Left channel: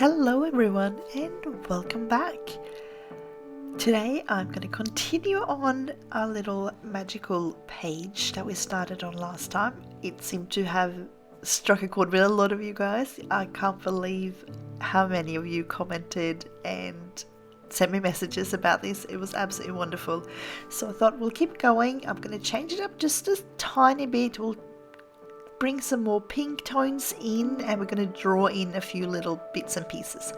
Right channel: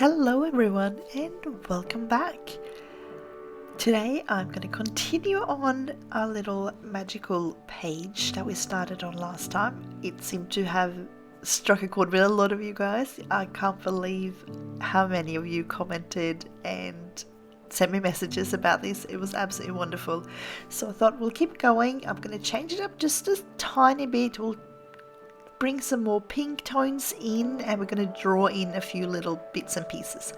Hello everyone and welcome back. Today I'm going to continue on our little magical page that we started on last time. It seemed to have struck a chord with a lot of you guys. I can't believe how many of you commented and sent me messages about this. It was absolutely wonderful. So I thought we'll keep going. I'm going to change it up just a tiny bit. We'll bring some more pink tones in and we're going to draw in a few little bits and pieces.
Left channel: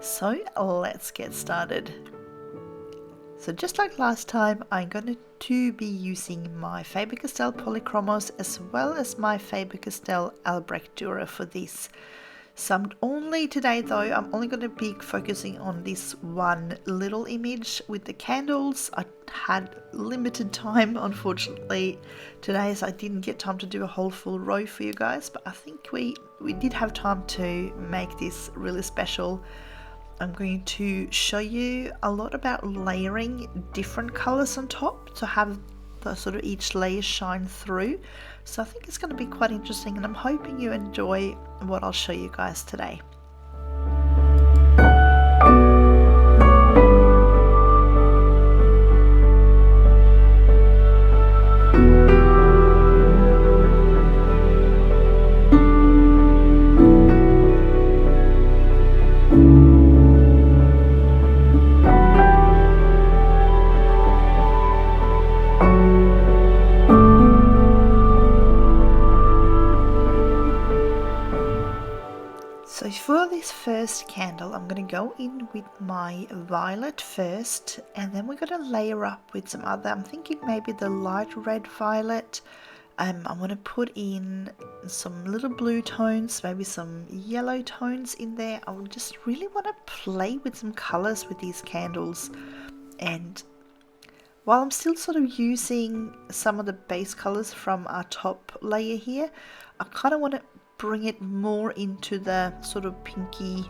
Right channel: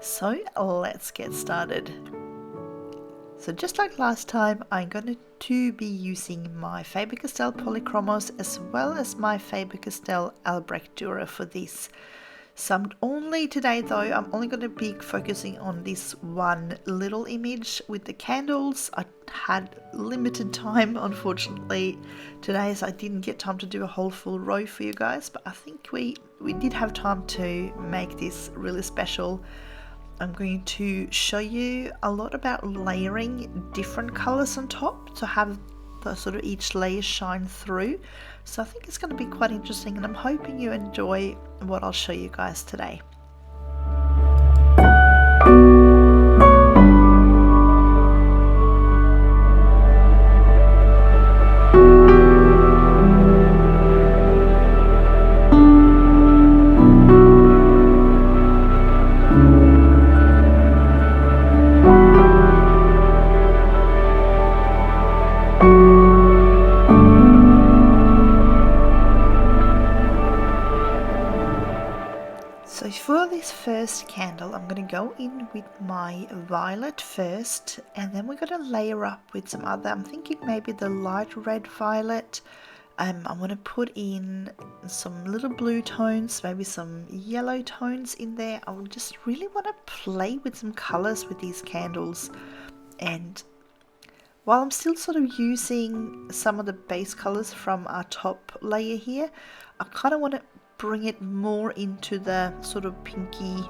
So let's get started. So just like last time, I'm going to be using my Faber-Castell Polychromos as well as my Faber-Castell Albrecht Dürer for this. So I'm only going to be focusing on this one little image with the candles. I had limited time, unfortunately, today, so I didn't get time to do a whole full row for you guys, but I think we did have time to make this really special. I'm going to show you a lot about layering different colors on top to have the sort of each layer shine through. So I think it's going to be quite interesting and I'm hoping you enjoy what I'll show you guys today. So for this first candle, I'm going to go in with my violet first, and then we're going to layer up with some other, I'm thinking maybe the light red violet. I'm going to put in some little blue tones, maybe some yellow tones in there. I just really want to play with some colors with these candles. And while I'm still sort of using some of the base colors from our top layer here, I kind of want to bring it more into the sort of pinky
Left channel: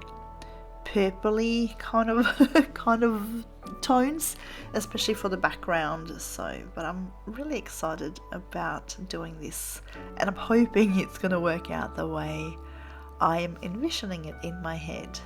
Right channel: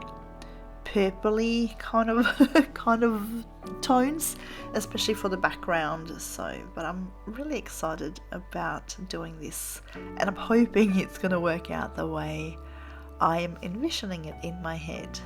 purpley kind of tones, especially for the background. But I'm really excited about doing this and I'm hoping it's going to work out the way I am envisioning it in my head.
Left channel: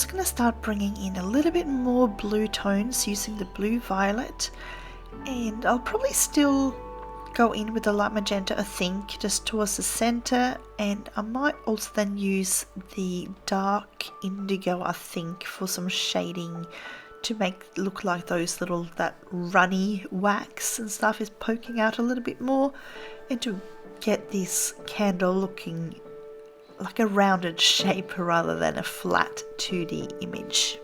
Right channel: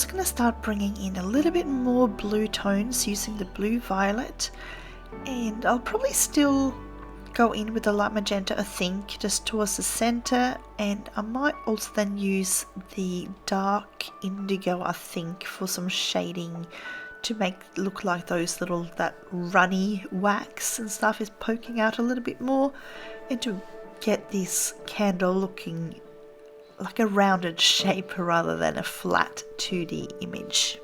just going to start bringing in a little bit more blue tones using the blue violet, and I'll probably still go in with the light magenta, I think, just towards the center, and I might also then use the dark indigo, I think, for some shading to make it look like those little, that runny wax and stuff is poking out a little bit more, and to get this candle looking like a rounded shape rather than a flat 2D image.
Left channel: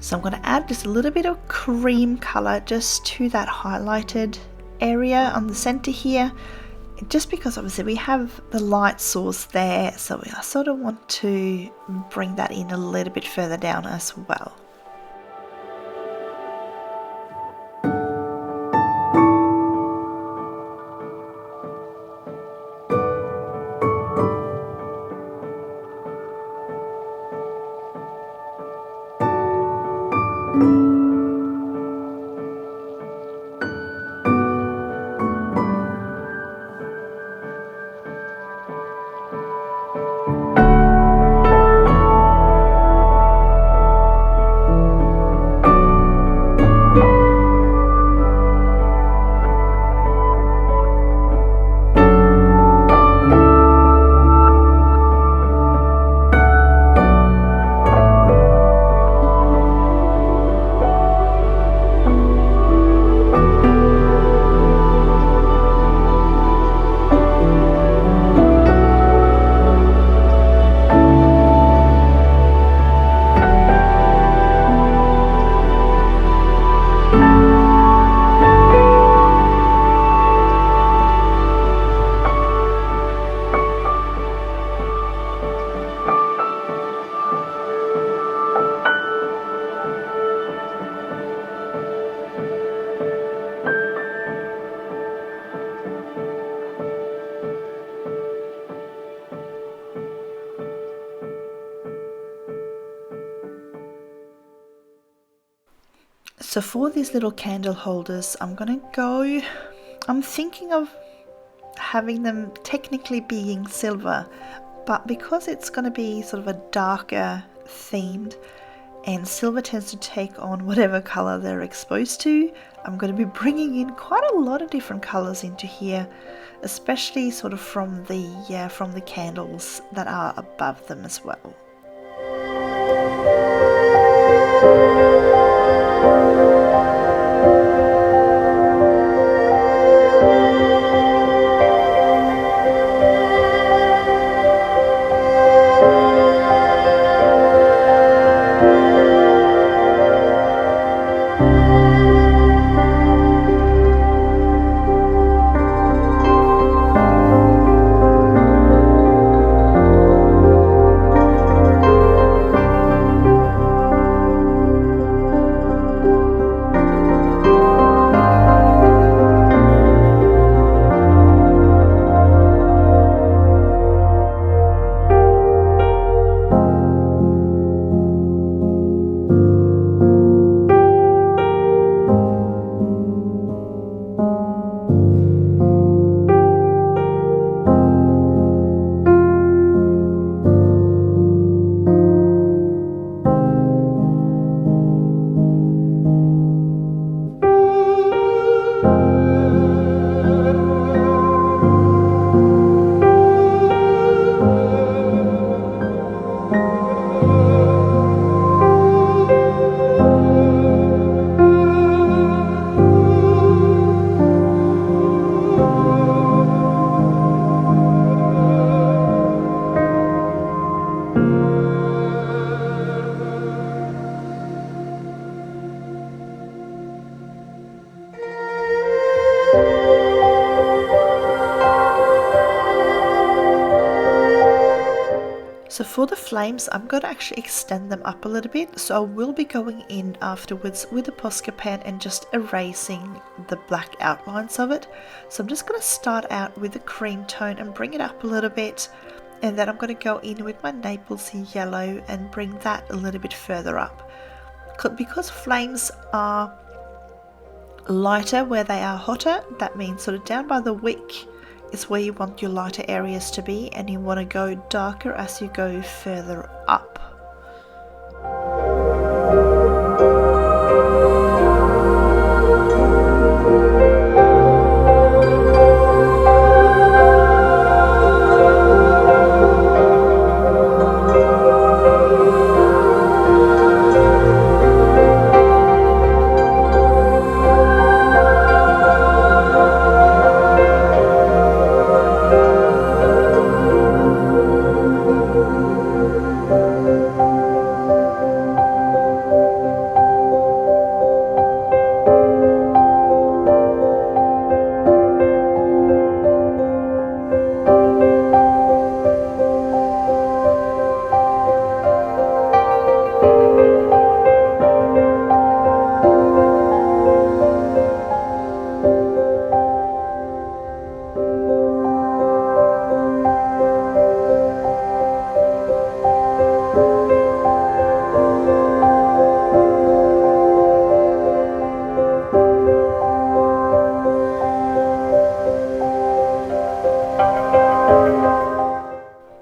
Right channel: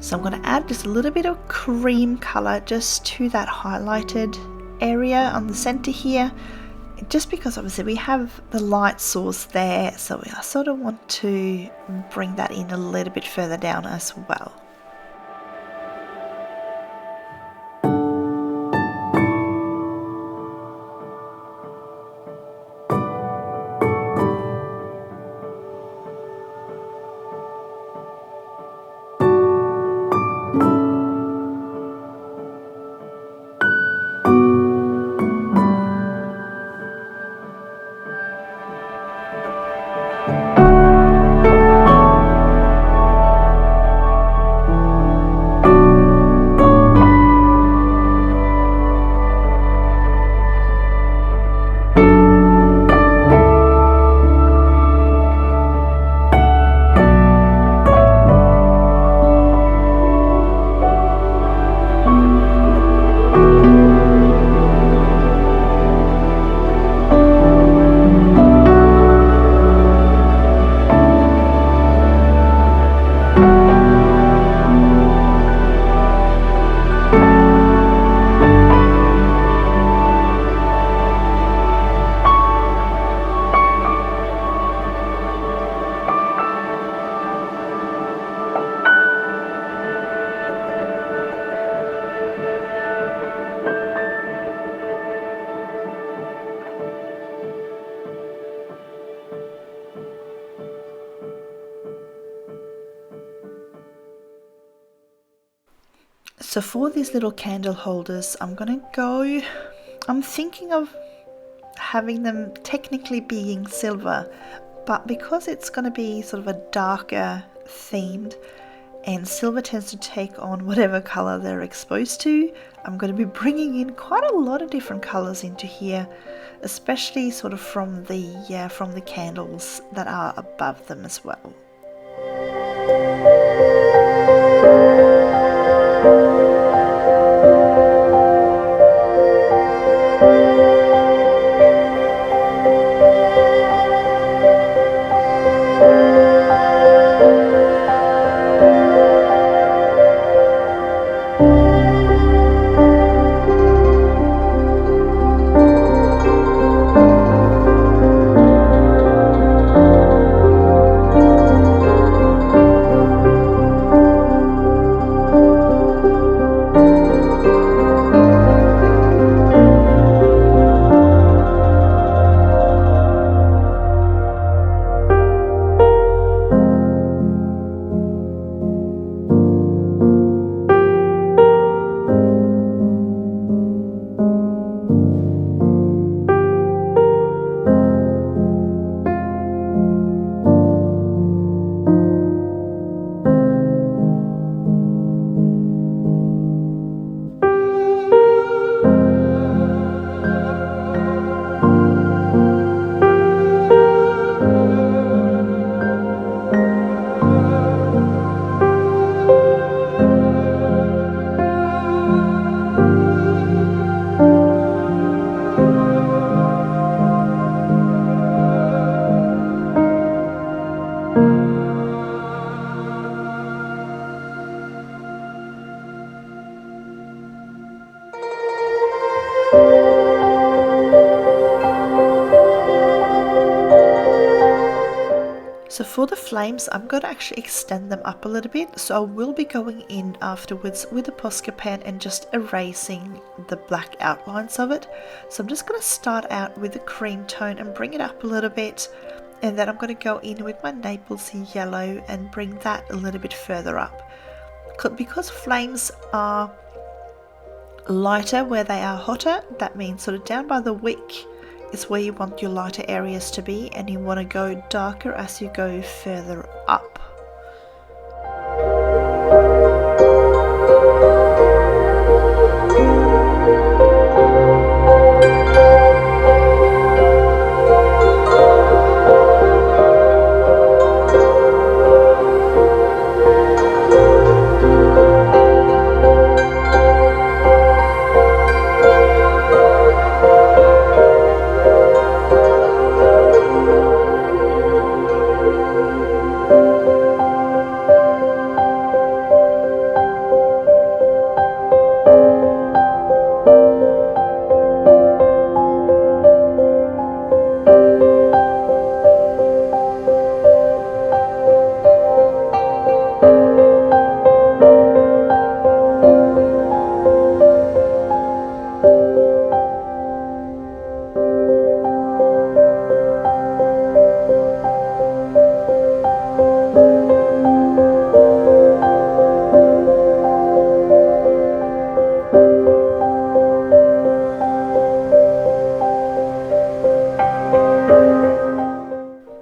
So I'm going to add just a little bit of cream color just to that highlighted area on the center here, just because obviously we have the light source there, so I sort of want to bring that in a little bit further down as well. So for these little candle holders, I'm thinking of having them technically being silver, but because it's going to be sort of a darker themed and silver tends to take on whatever color they're exposed to, I'm going to be bringing in quite a lot of different colors into here, especially sort of from the candles that are above them as well. So for the flames, I'm going to actually extend them up a little bit. So I will be going in afterwards with the Posca pen and just erasing the black outlines of it. So I'm just going to start out with the cream tone and bring it up a little bit. And then I'm going to go in with my Naples Yellow and bring that a little bit further up. Because flames are lighter where they are hotter, that means sort of down by the wick is where you want your lighter areas to be, and you want to go darker as you go further up.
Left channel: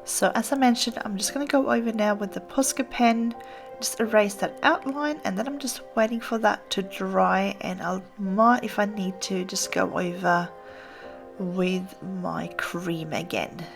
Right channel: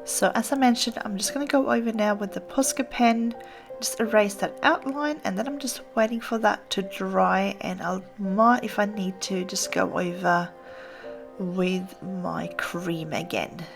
So as I mentioned, I'm just going to go over now with the Posca pen, just erase that outline, and then I'm just waiting for that to dry, and I might, if I need to, just go over with my cream again.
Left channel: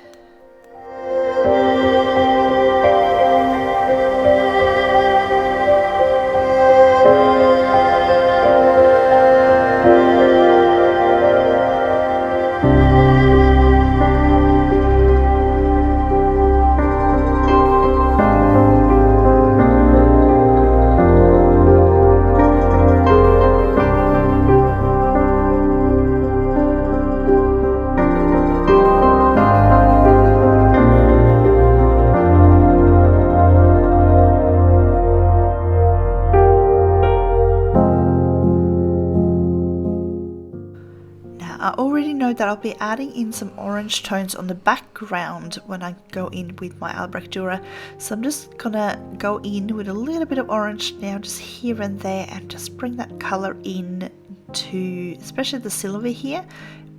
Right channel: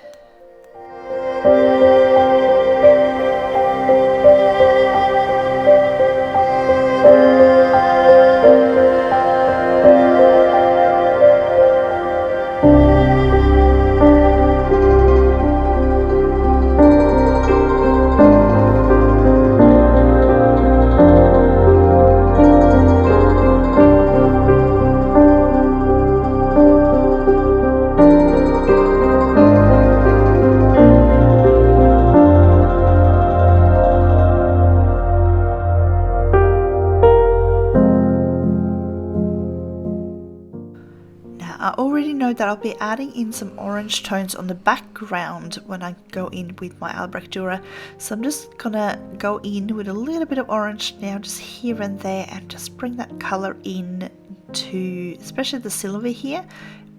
I already know that I'll be adding in some orange tones on the background when I go in with my Albrecht Dürer. So I'm just gonna go in with a little bit of orange now, just here and there, and just bring that color in to especially the silver here,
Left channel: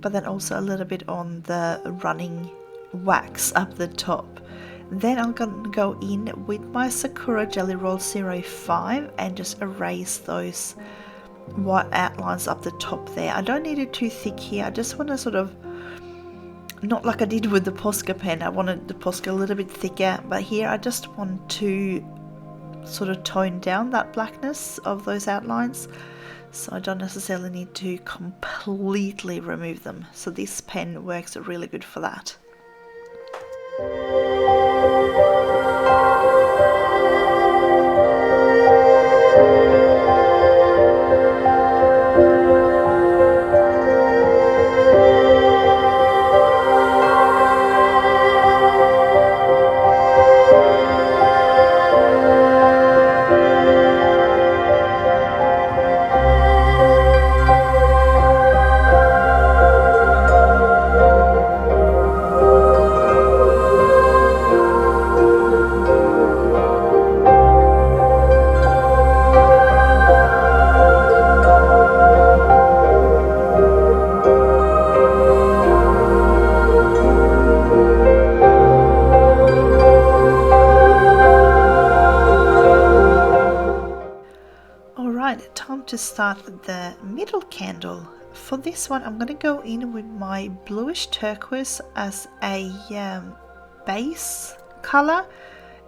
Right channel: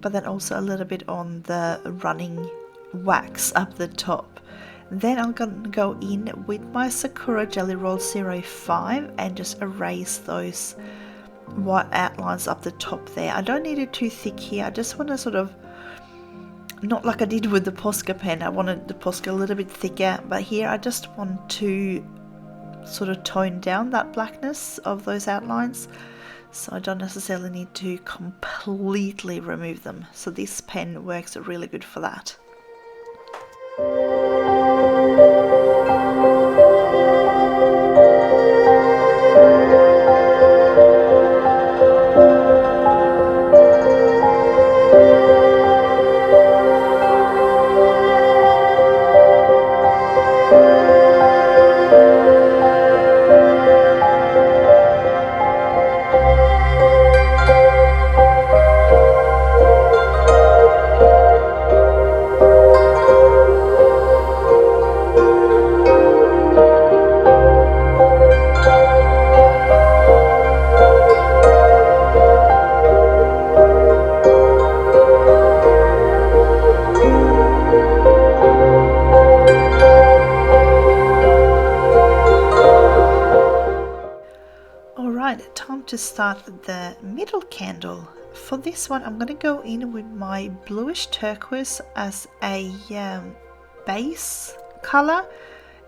but then also a little bit on the running wax up the top. Then I'm gonna go in with my Sakura Jelly Roll 05 and just erase those white outlines up the top there. I don't need it too thick here. I just want to sort of, not like I did with the Posca pen, I wanted the Posca a little bit thicker, but here I just want to sort of tone down that blackness of those outlines, so I don't necessarily need to completely remove them. So this pen works really good for that. Time to start the middle candle. For this one, I'm going to go in with my bluish turquoise as a base color,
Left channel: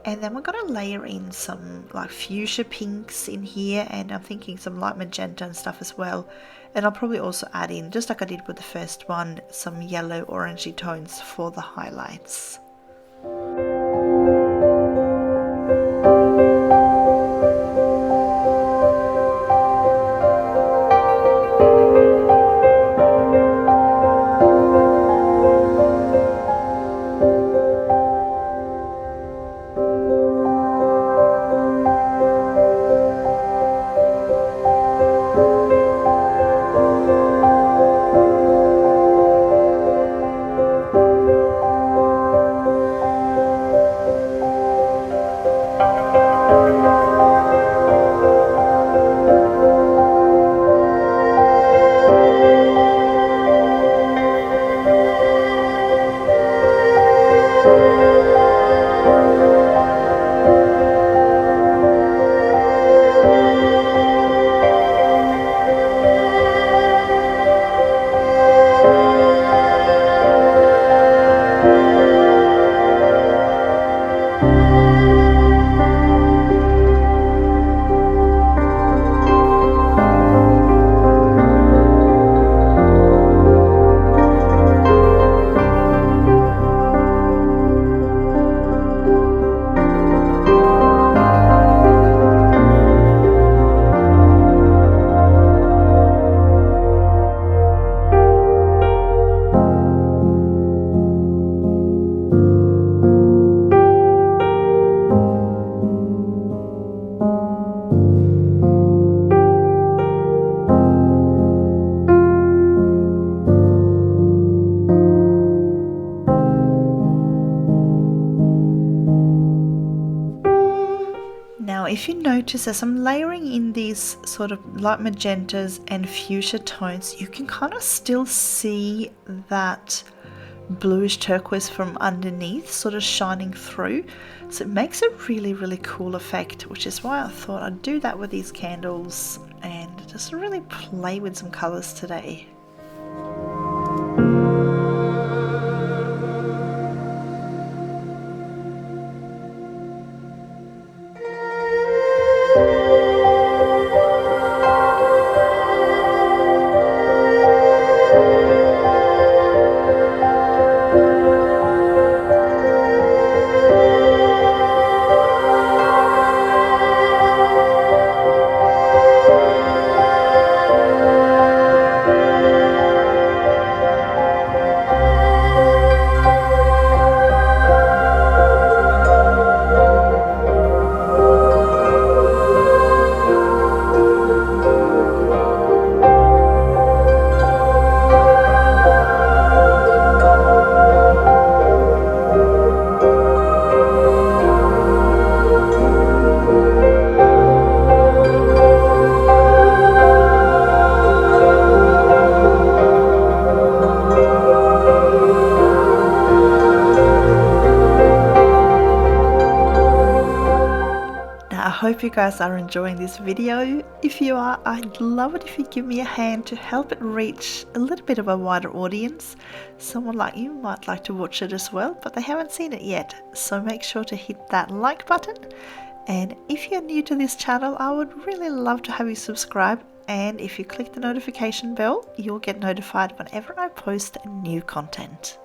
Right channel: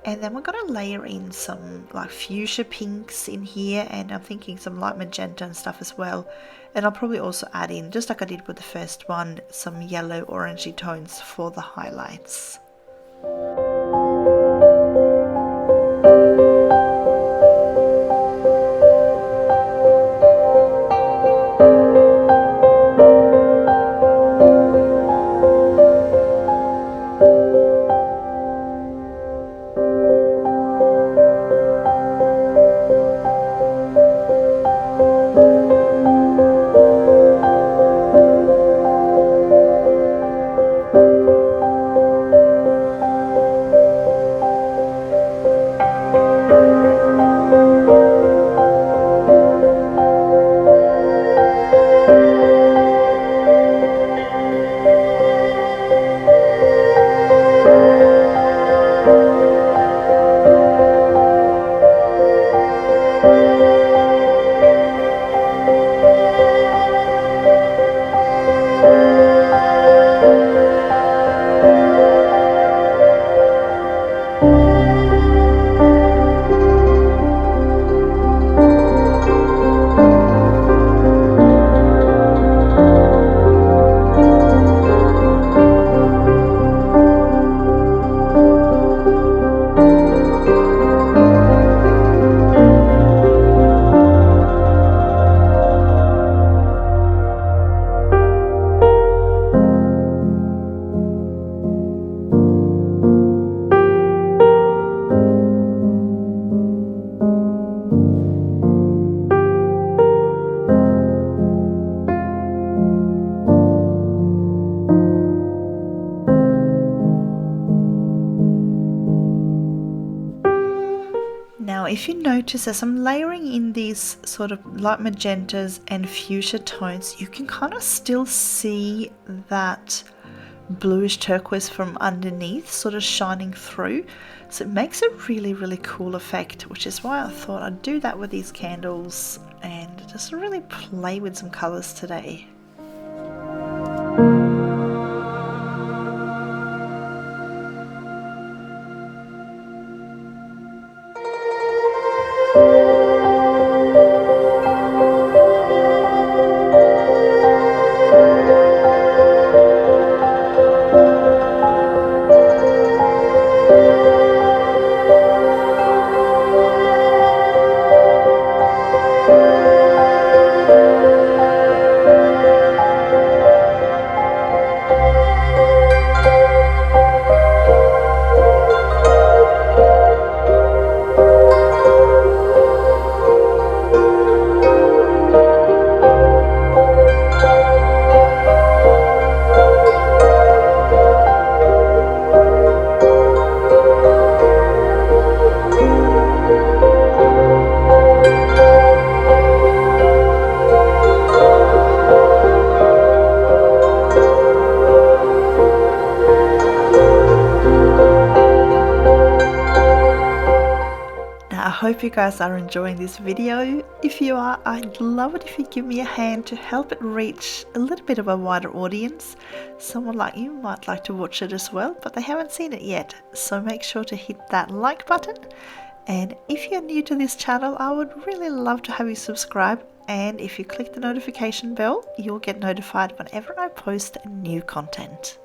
and then we're going to layer in some like fuchsia pinks in here, and I'm thinking some light magenta and stuff as well. And I'll probably also add in, just like I did with the first one, some yellow orangey tones for the highlights. if you notice, as I'm layering in these sort of light magentas and fuchsia tones, you can kind of still see that bluish turquoise from underneath sort of shining through. So it makes a really cool effect, which is why I thought I'd do that with these candles and just really play with some colors today. I hope you guys are enjoying this video. If you are, I'd love it if you give me a hand to help it reach a little bit of a wider audience. Someone like you might like to watch it as well, but they haven't seen it yet. So make sure to hit that like button. And if you're new to this channel, I would really love to have you subscribe. And if you click the notification bell, you'll get notified whenever I post new content.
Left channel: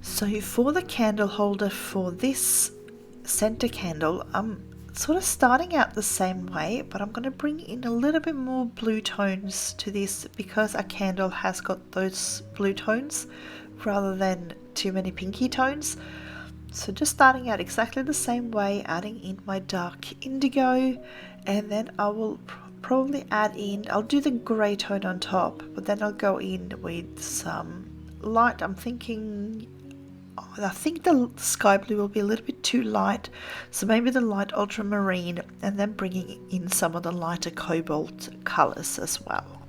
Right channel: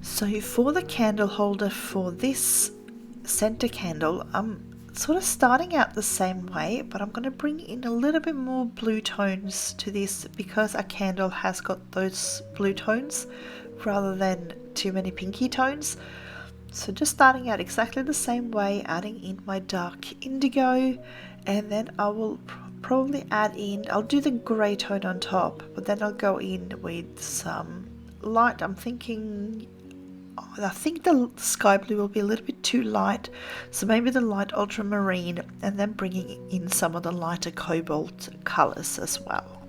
So for the candle holder for this center candle, I'm sort of starting out the same way, but I'm going to bring in a little bit more blue tones to this because our candle has got those blue tones rather than too many pinky tones. So just starting out exactly the same way, adding in my dark indigo, and then I will probably add in, I'll do the grey tone on top, but then I'll go in with some light. I think the sky blue will be a little bit too light, so maybe the light ultramarine, and then bringing in some of the lighter cobalt colors as well.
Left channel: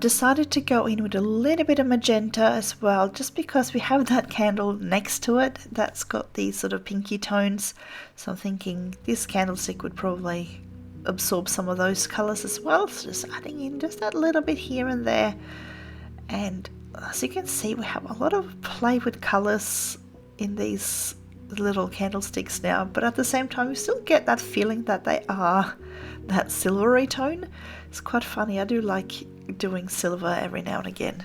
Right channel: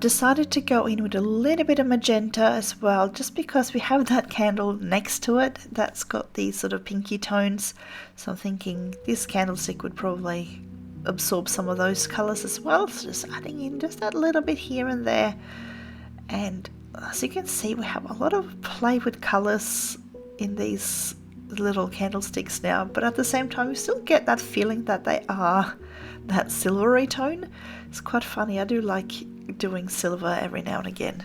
I've decided to go in with a little bit of magenta as well, just because we have that candle next to it that's got these sort of pinky tones. So I'm thinking this candlestick would probably absorb some of those colors as well. So just adding in just that little bit here and there. And as you can see, we have a lot of play with colors in these little candlesticks now, but at the same time you still get that feeling that they are that silvery tone. It's quite funny. I do like doing silver every now and again.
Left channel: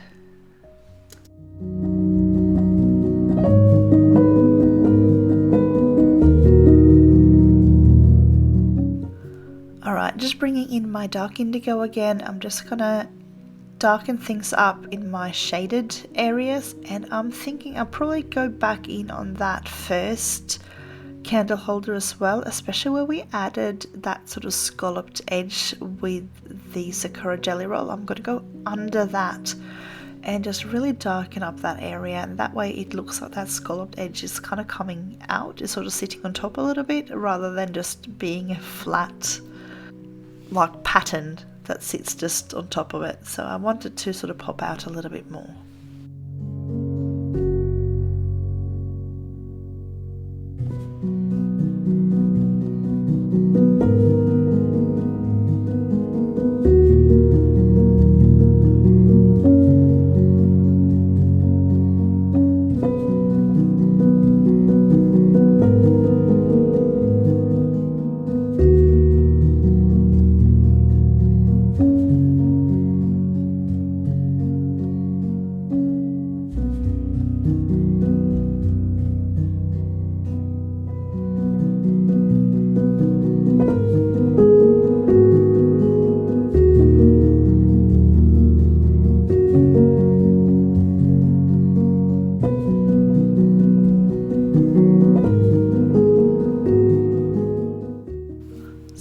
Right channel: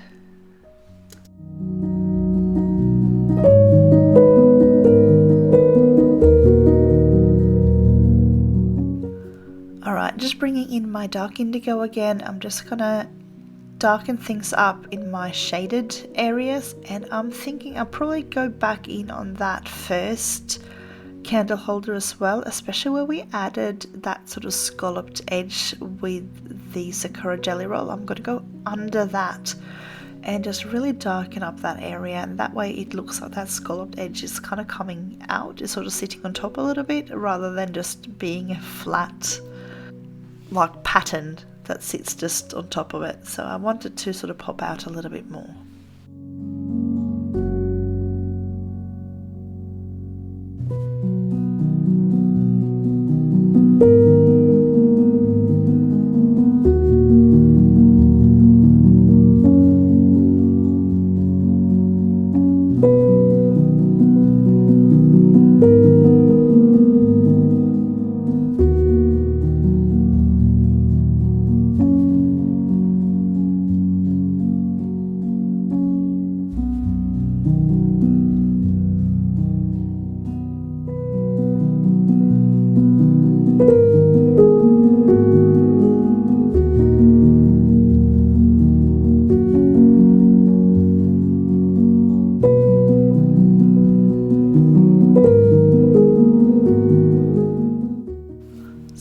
Alright, just bringing in my dark indigo again. I'm just gonna darken things up in my shaded areas, and I'm thinking I'll probably go back in on that first candle holder as well, especially where we added that sort of scalloped edge with the Sakura jelly roll. I'm going to go under that and just really darken up that area, and that way it looks like that scalloped edge is kind of coming out, it's sort of sitting on top a little bit rather than just being a flat like pattern that sits just on top of it. So I wanted to sort of pop out a little bit more.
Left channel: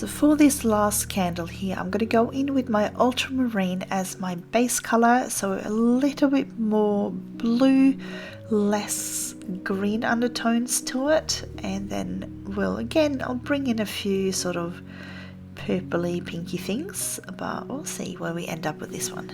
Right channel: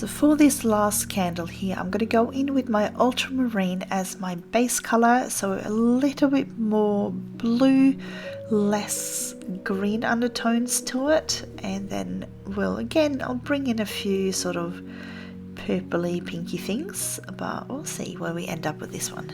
For this last candle here, I'm going to go in with my Ultramarine as my base color, so a little bit more blue, less green undertones to it, and then I'll bring in a few sort of purpley pinky things, but we'll see where we end up with this one.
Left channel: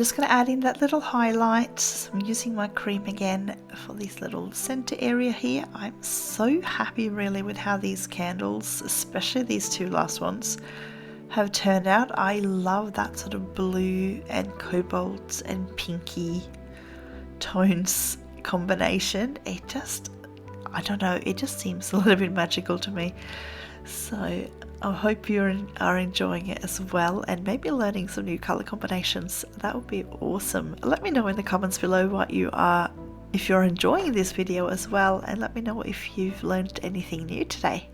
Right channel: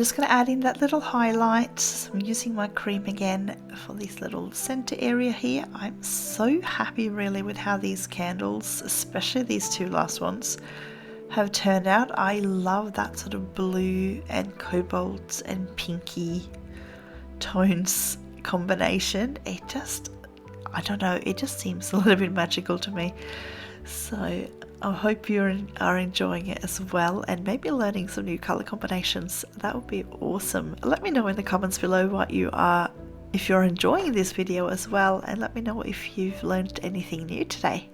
just going to add in that little highlight. I'm using my cream again for this little center area here. I'm so happy really with how these candles, especially these two last ones, have turned out. I love that sort of blue and cobalt and pinky tones combination. It just, I don't know, it just seems a little bit magical to me. So I hope you are enjoying it as well, and maybe learning some new color combinations. That would be awesome. Let me know in the comments below what you are, if you're enjoying this video as well, and let me know if you've learned anything new today.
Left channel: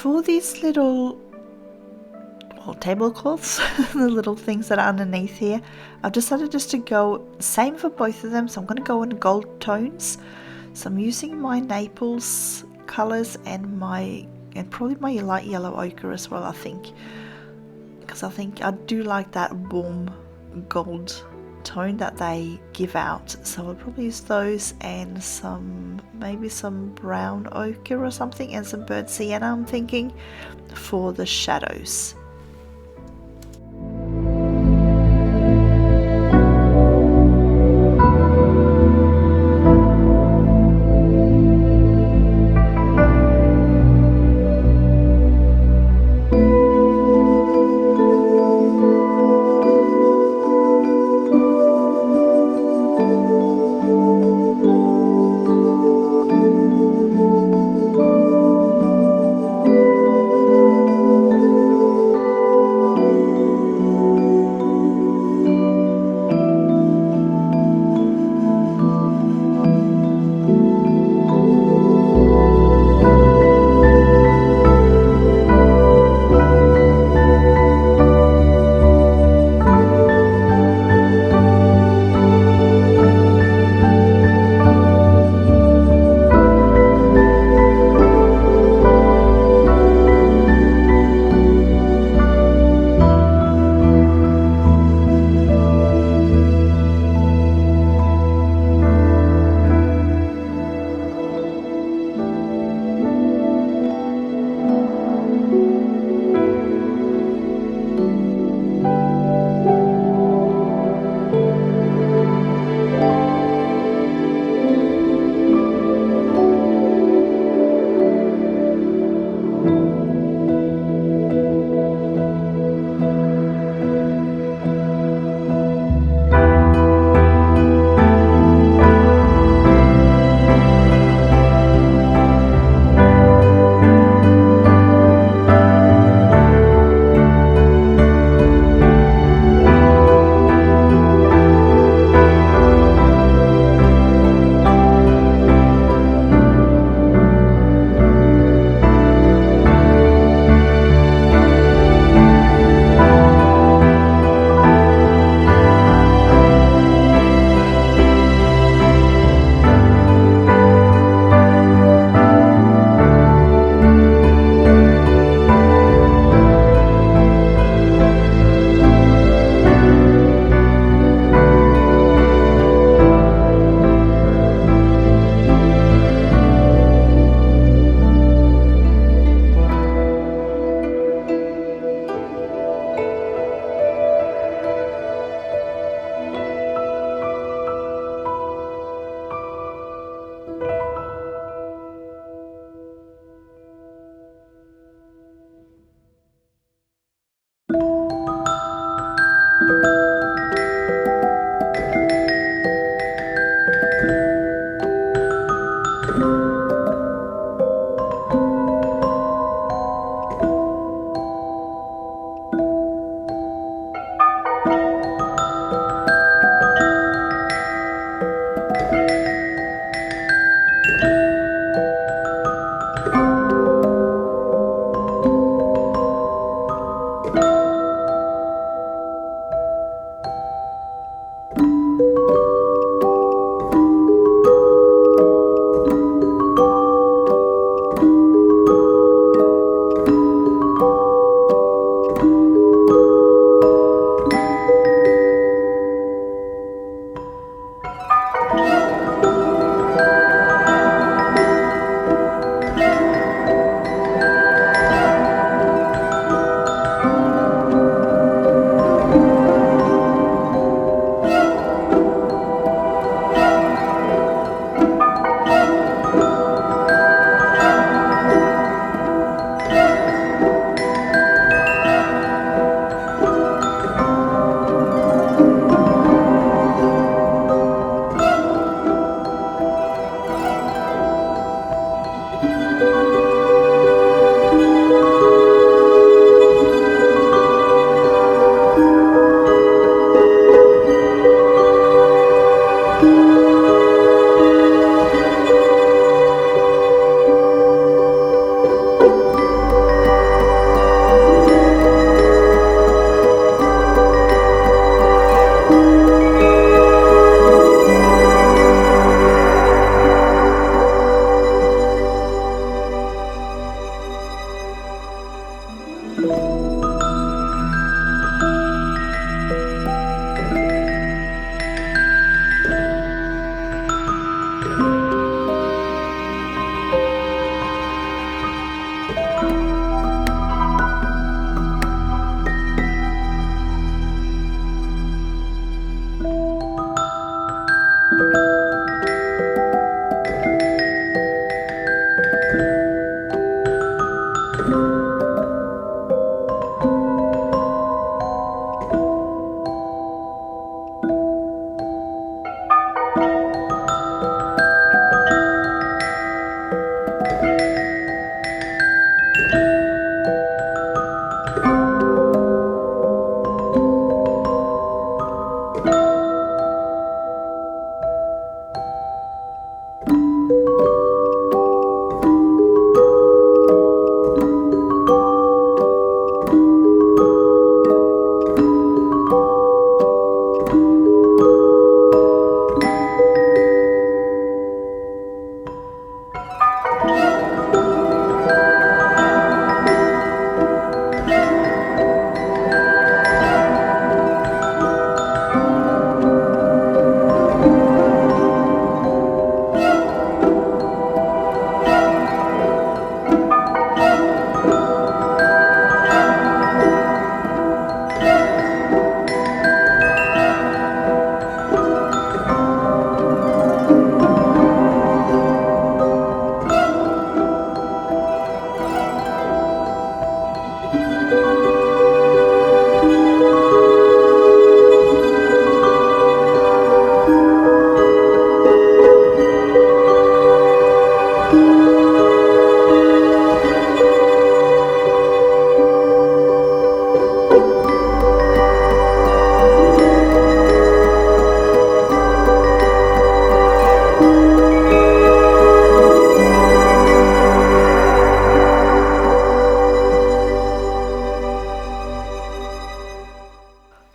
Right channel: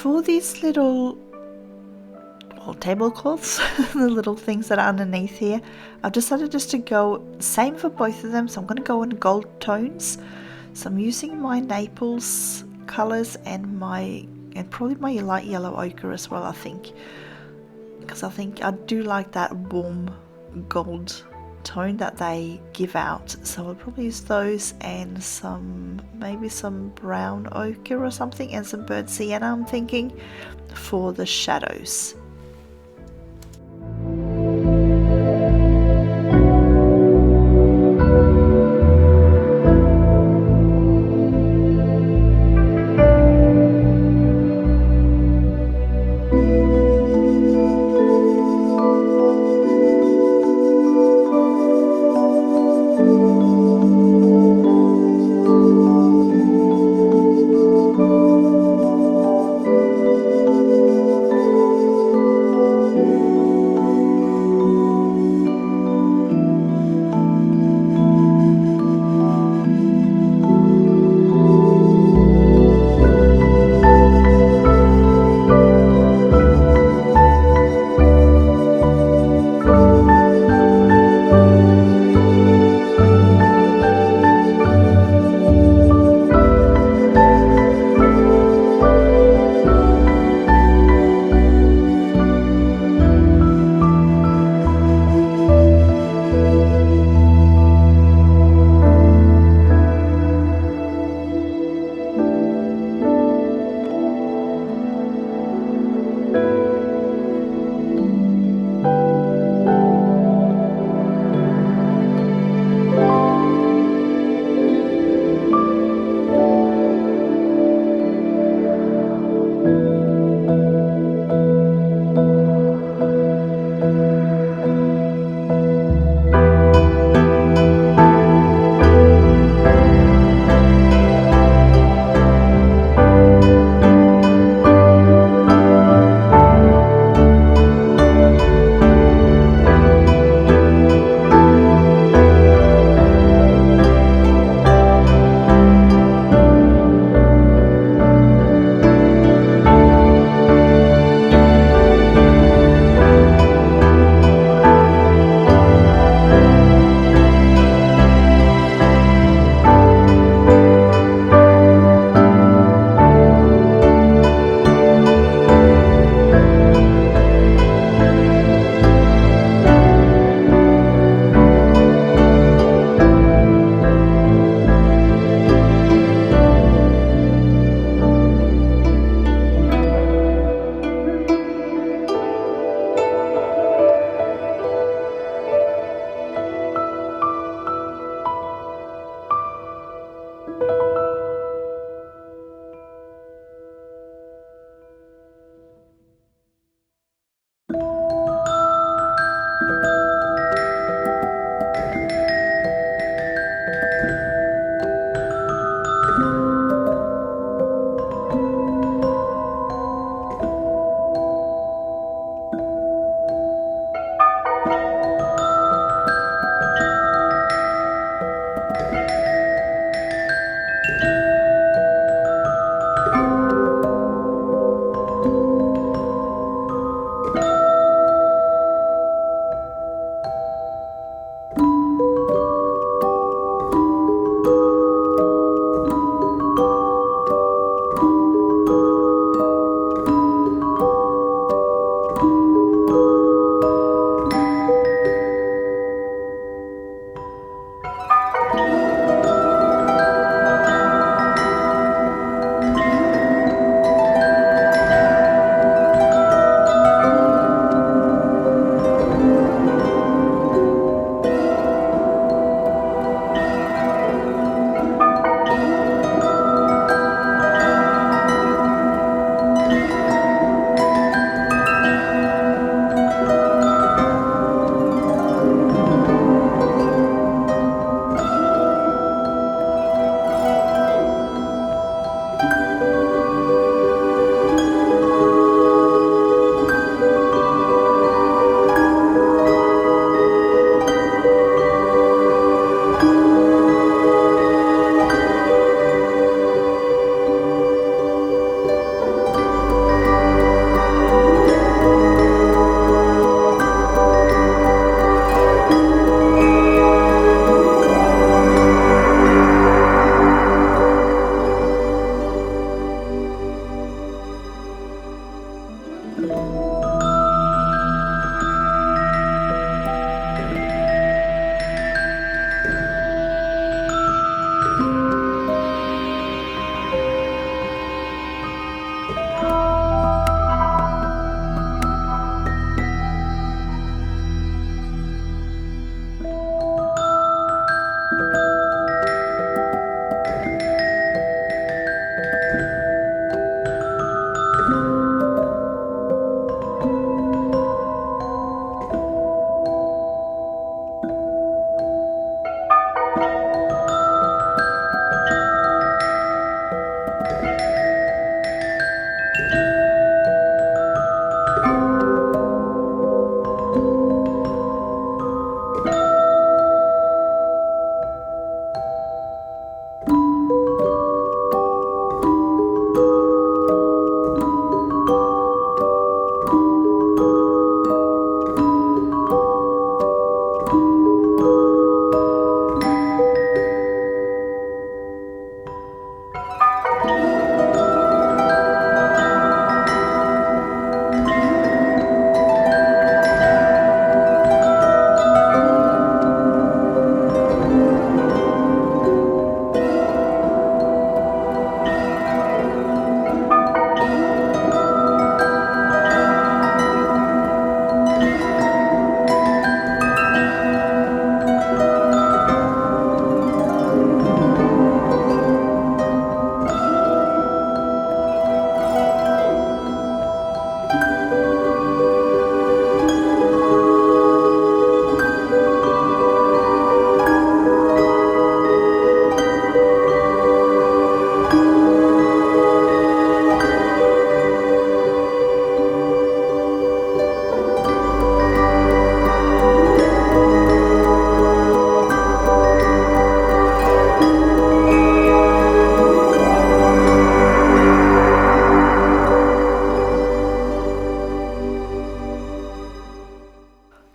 for these little tablecloths, the little things that are underneath here, I've decided just to go same for both of them. So I'm going to go in gold tones. So I'm using my Naples colors and probably my light yellow ochre as well, I think, because I think I do like that warm gold tone that they give out. So I'll probably use those and maybe some brown ochre or something, and some burnt sienna, I'm thinking, for the shadows.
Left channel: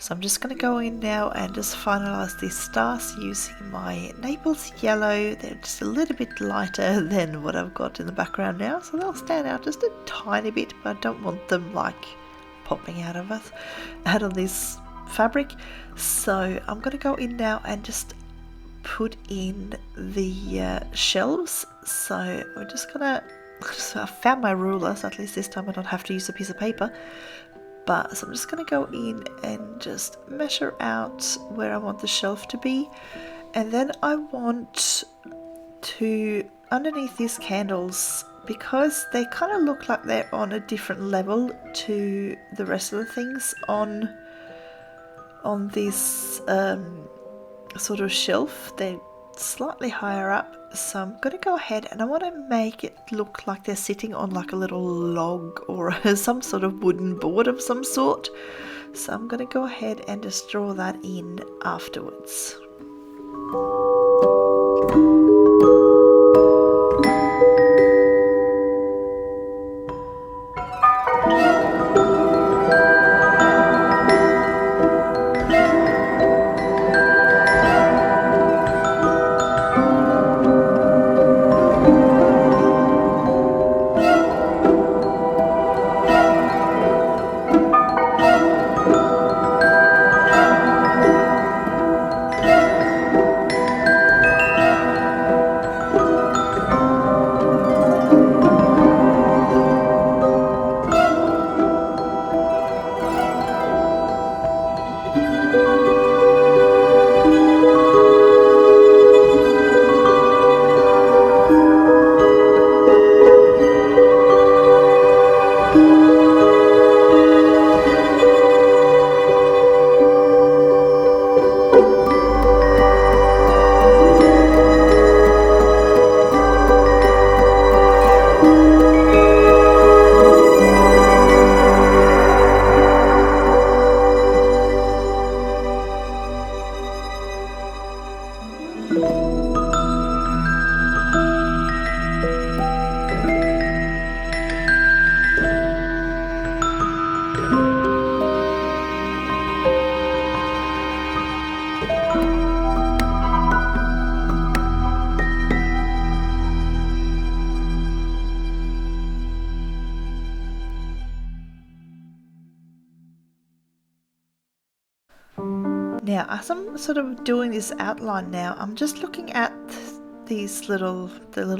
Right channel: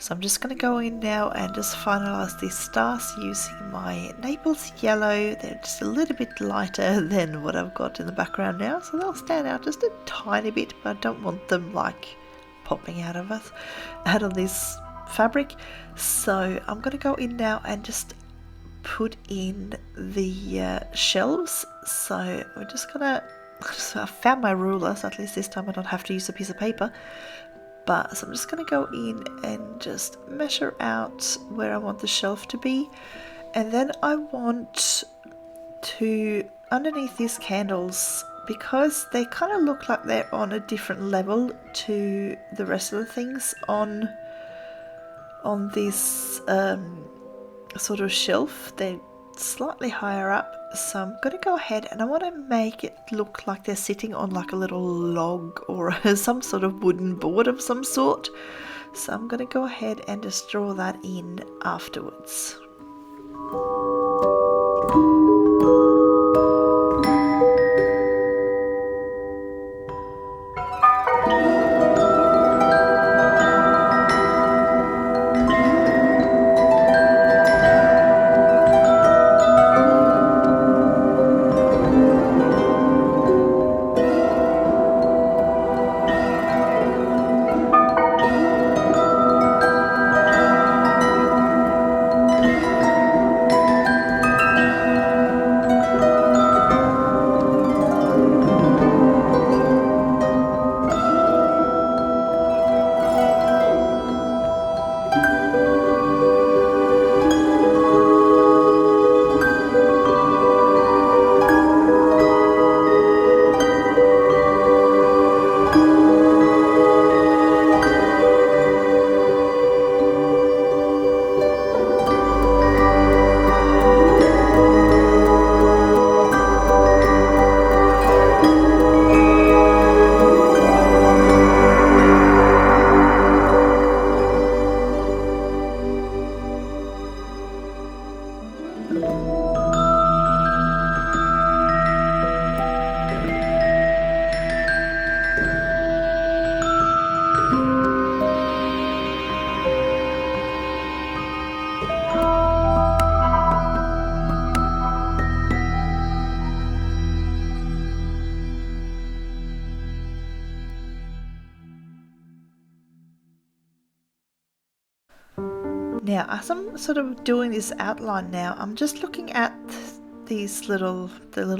So I'm just going to go in now and just finalize these stars using my Naples Yellow. They're just a little bit lighter than what I've got in the background now, so they'll stand out just a tiny bit, but I don't want them like popping out of this fabric. So I'm going to go in now and just put in the shelves. So we're just gonna, I found my ruler, so at least this time I don't have to use a piece of paper. But so I'm just gonna go in and just measure out where I want the shelf to be, and then I want to, underneath these candles, because they kind of look like they're on a different level to the rest of the things on this sort of shelf, they're slightly higher up, so I'm going to go ahead and I want to make it look like they're sitting on like a little log or some sort of wooden board of some sort. So I'm going to go ahead and just draw that in afterwards. Now, as I'm sort of doing this outline now, I'm just looking at these little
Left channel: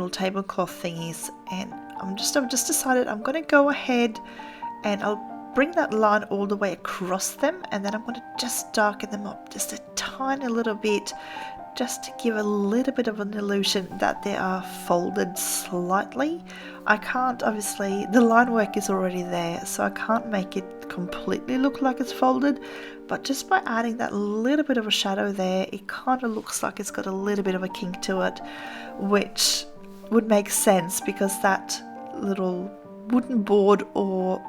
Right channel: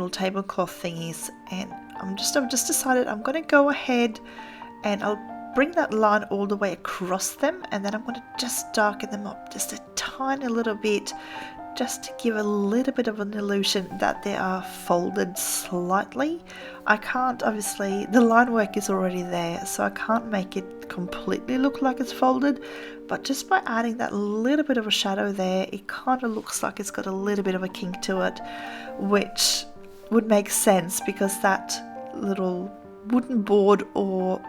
tablecloth thingies, and I've just decided I'm going to go ahead and I'll bring that line all the way across them, and then I'm going to just darken them up just a tiny little bit, just to give a little bit of an illusion that they are folded slightly. I can't, obviously, the line work is already there, so I can't make it completely look like it's folded, but just by adding that little bit of a shadow there, it kind of looks like it's got a little bit of a kink to it, which would make sense because that little wooden board or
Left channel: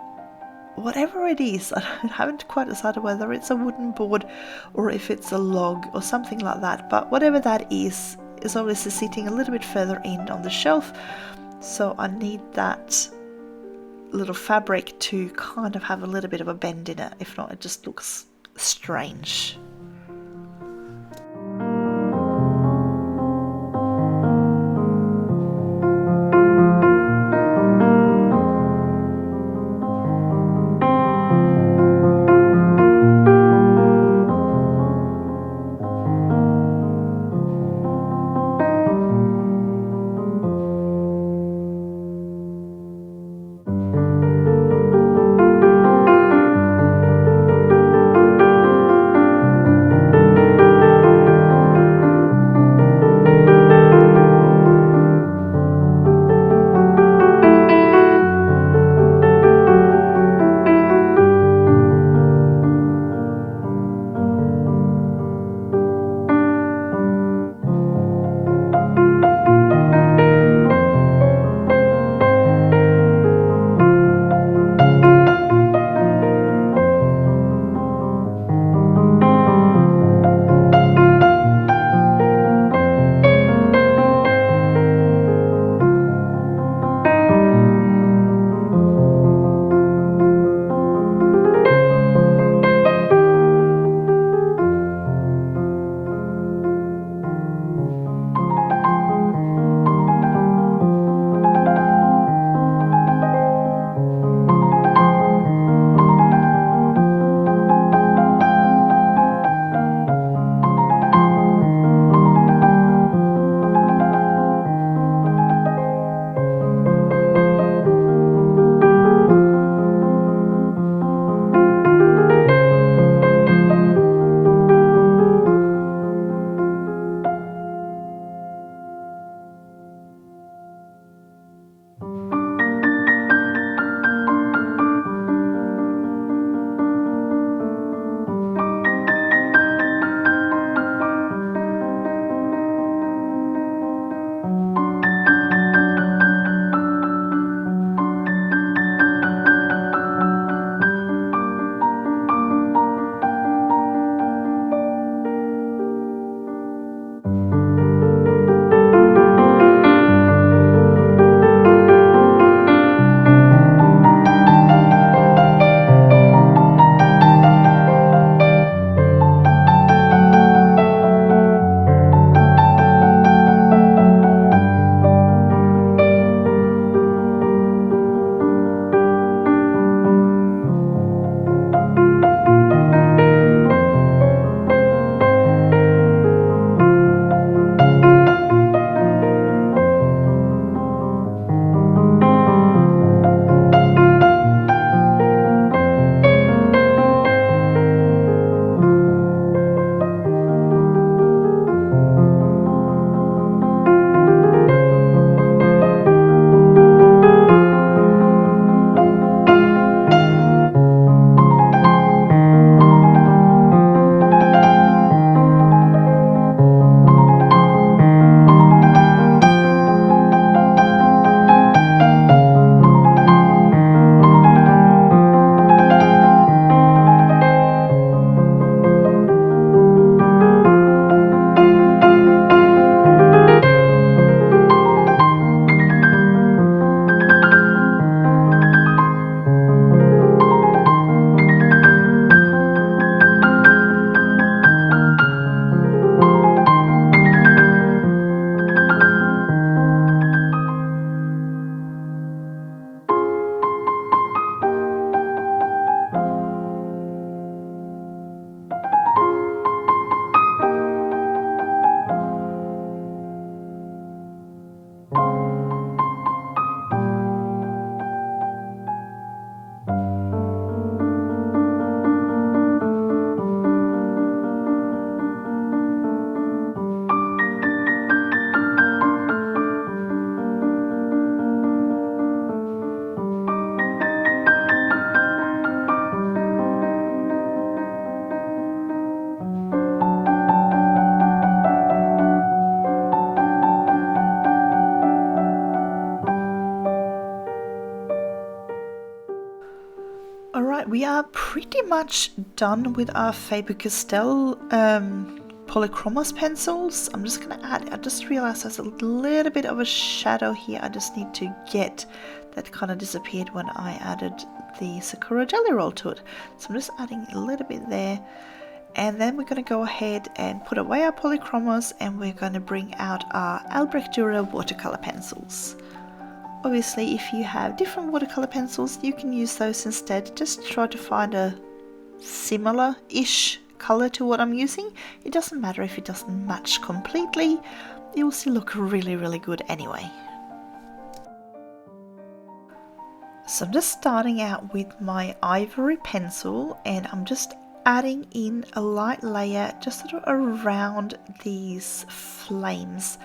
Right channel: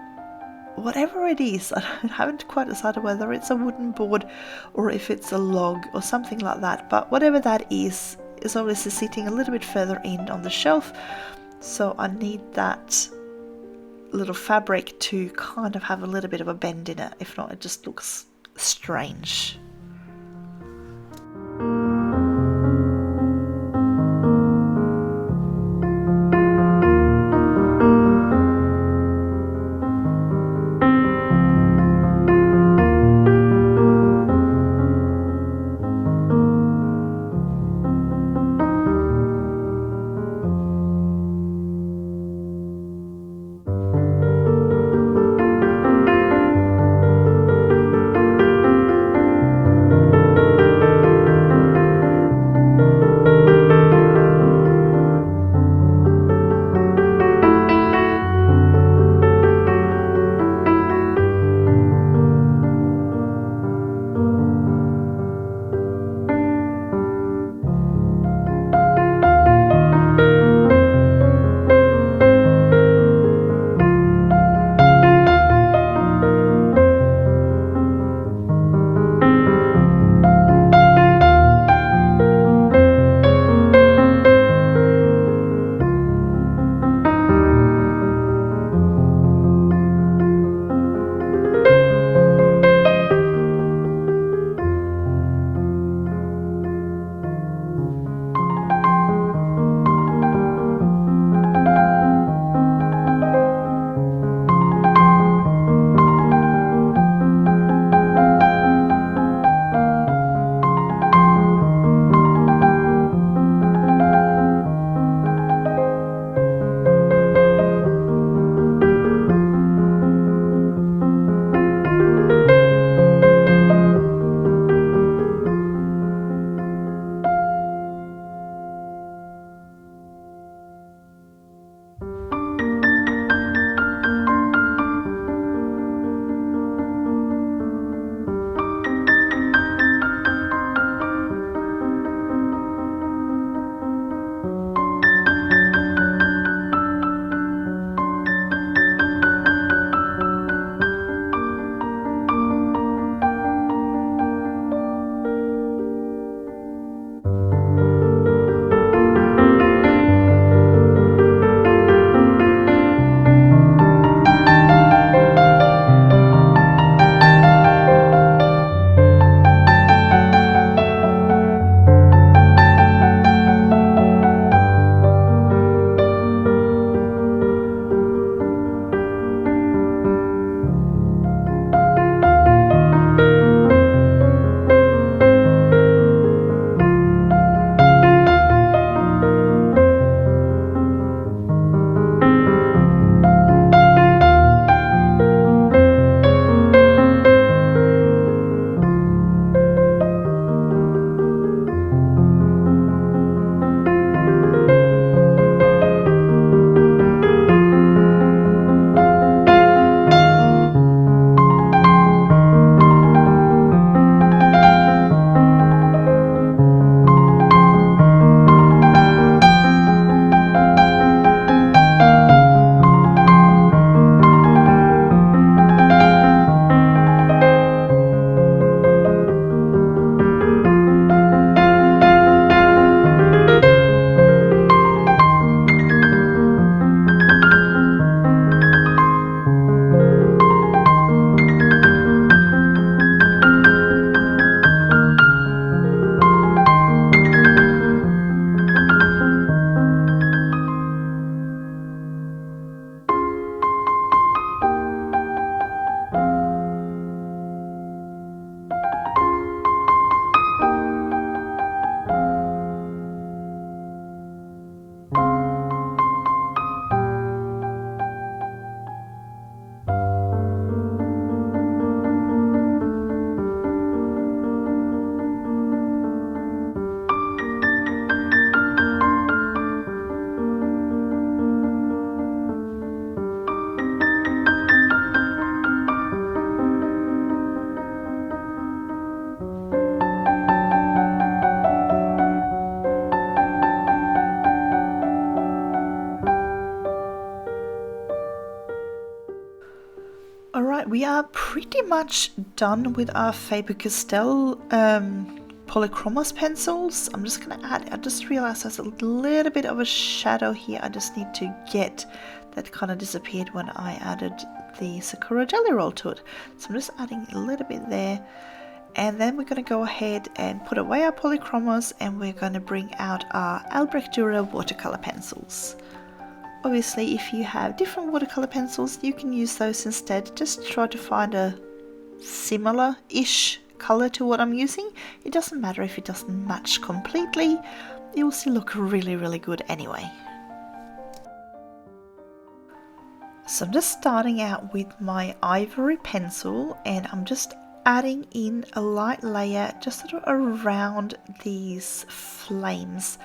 whatever it is, I haven't quite decided whether it's a wooden board or if it's a log or something like that, but whatever that is obviously sitting a little bit further in on the shelf, so I need that little fabric to kind of have a little bit of a bend in it. If not, it just looks strange. Alright, we are pretty much done with our Faber-Castell Polychromos pencils. I'm just going to add, I just realized there's a little bit of a shadow here. I just need to get, that kind of disappeared when I added the Sakura Jelly Roll to it. So I'm just adding a little bit there. And then we're going to go ahead and put away our Polychromos, and we're going to bring out our Albrecht Dürer watercolor pencils. Obviously, if you have different watercolor pencils, you can use those instead. Just try to find a similar-ish color to what I'm using. It doesn't matter if it doesn't match completely. It will still look really, really good anyway. So I'm just starting out with my ivory pencil, and I'm just adding in a light layer just sort of around these flames.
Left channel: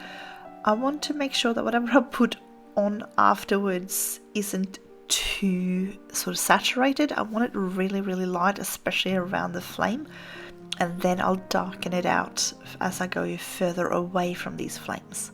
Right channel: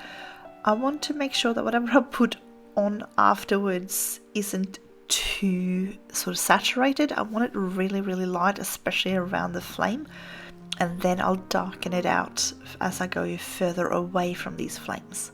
I want to make sure that whatever I put on afterwards isn't too sort of saturated. I want it really, really light, especially around the flame, and then I'll darken it out as I go further away from these flames.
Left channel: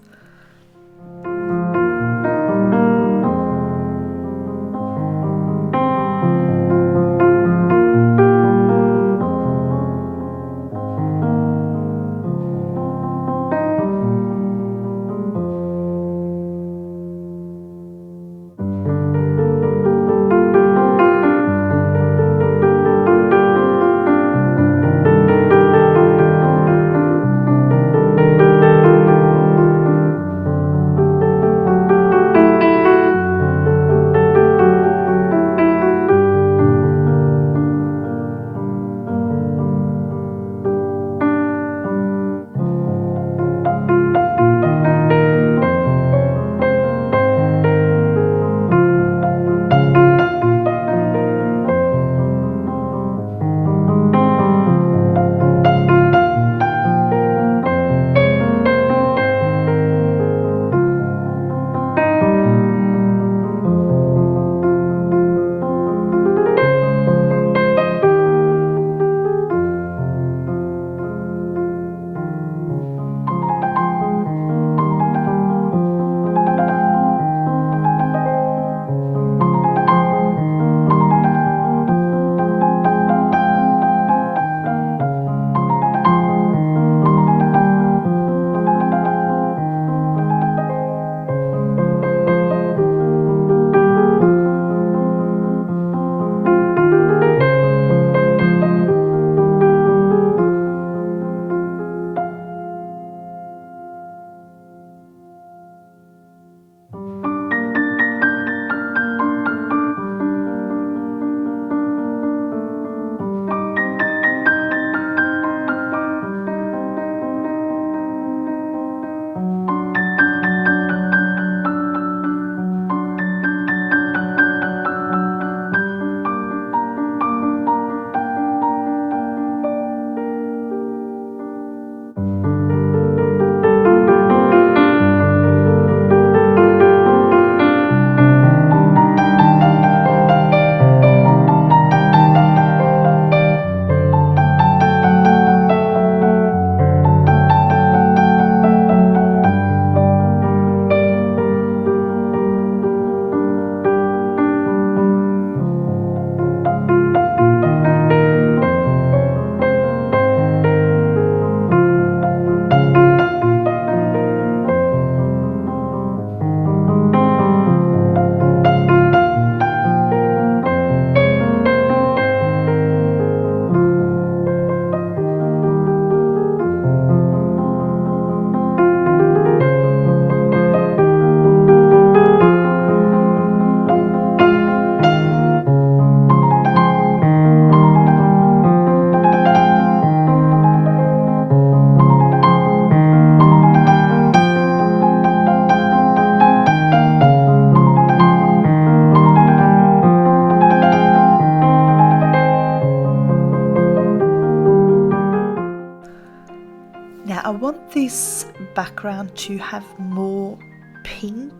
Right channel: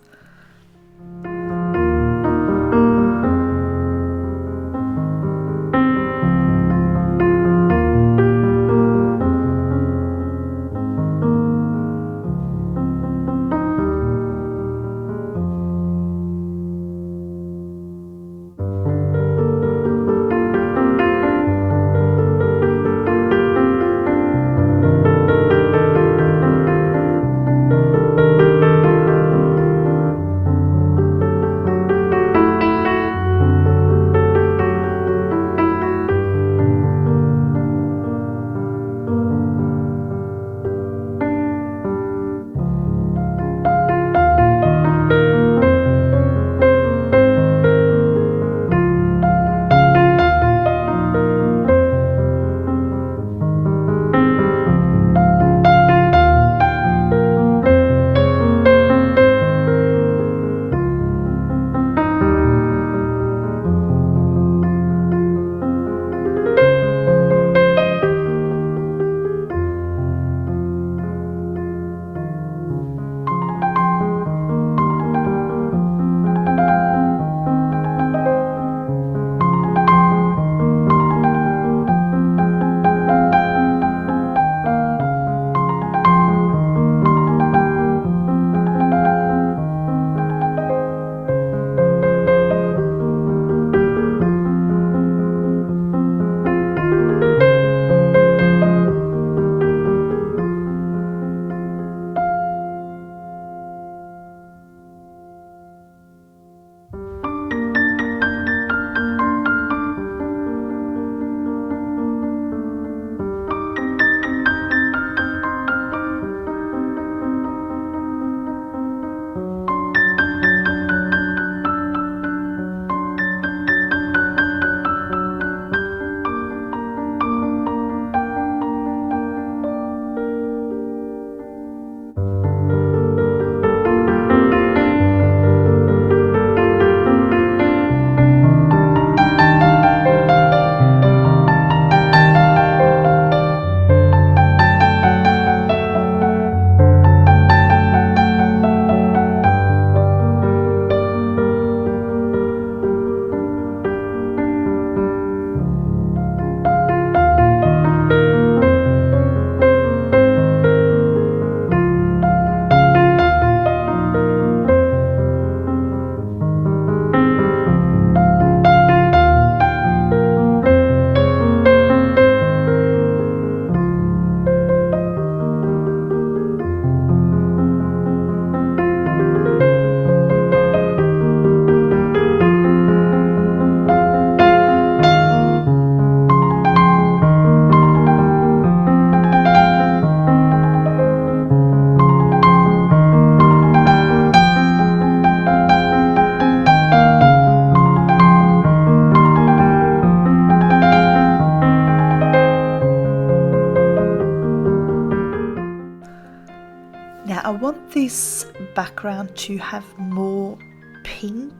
Now I want this background to have more pink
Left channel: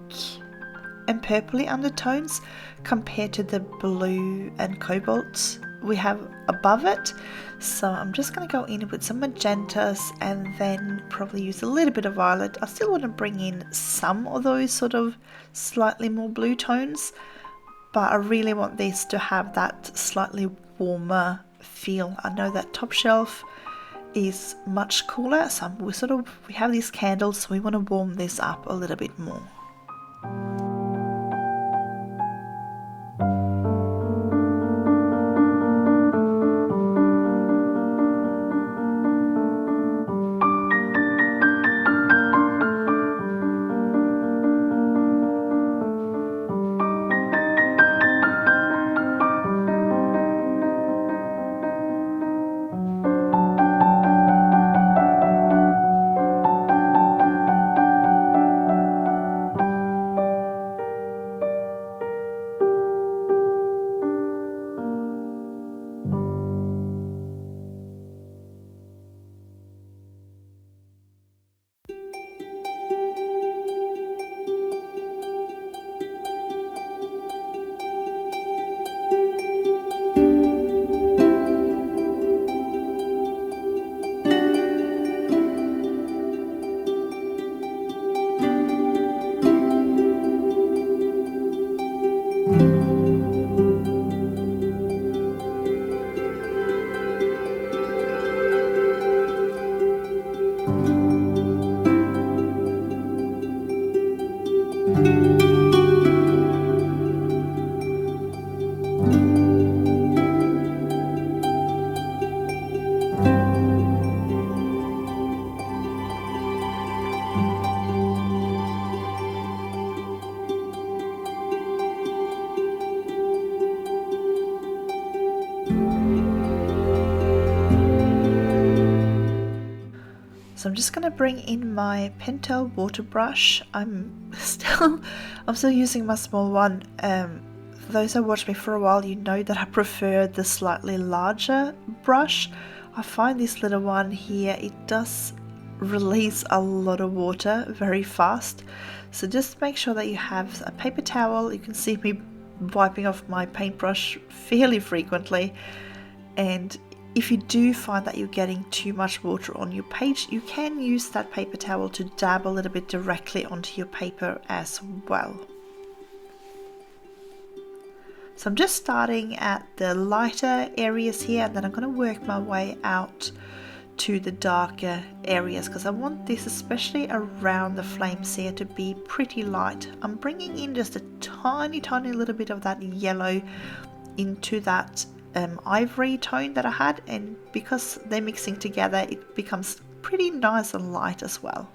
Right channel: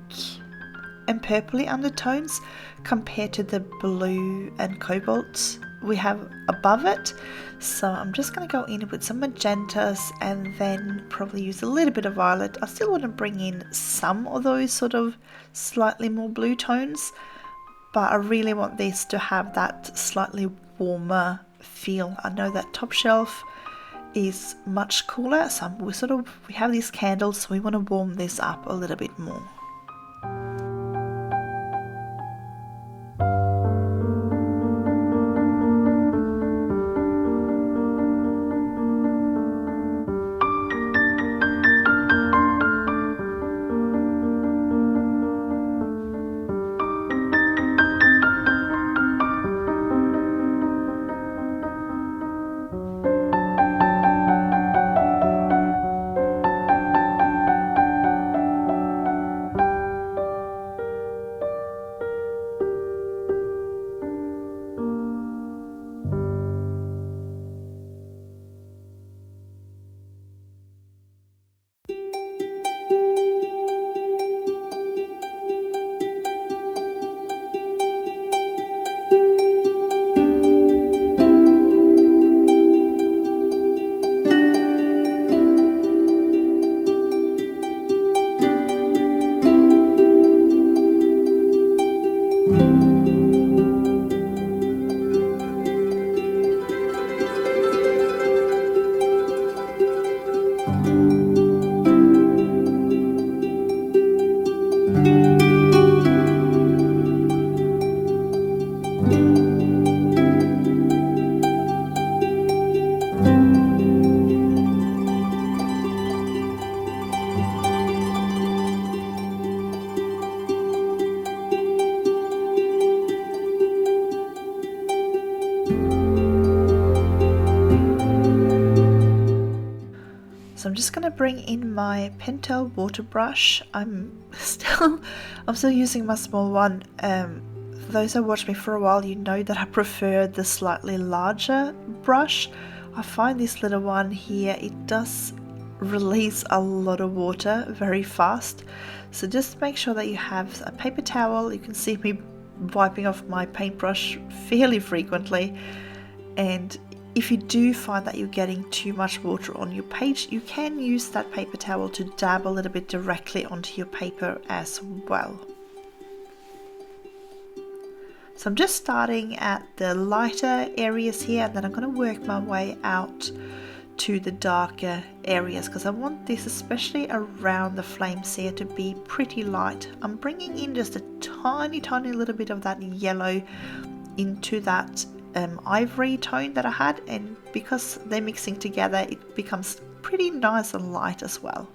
and purpley undertones compared to the blue and cobalt we have above it. So I'm just going to go in with some magentas and then probably use a little bit of violet. I still want to bring in some of those sort of slightly more blue tones, but I really want this to have that slightly warmer feel. I know that top shelf is much cooler, so we have these candles, so we want to warm this up a little bit more. So I'm just going to bring in my Pentel water brush. I'm still using my small one. For those who watched me for a while, you know that I prefer the slightly larger brush. I find this little one here, it does release a lot of water very fast. So just make sure that you have a paper towel. You can see me wiping off my paintbrush fairly frequently. And if you do find that you're getting too much water on your page, you can use that paper towel to dab a little bit directly onto your paper as well. So I'm just starting at the lighter areas here, and then I'm going to work my way out to the darker areas, because I want this, especially around the flames here, to be pretty light. I'm bringing in just a tiny little bit of that yellow into that ivory tone that I had, and because they're mixing together, it becomes pretty nice and light as well.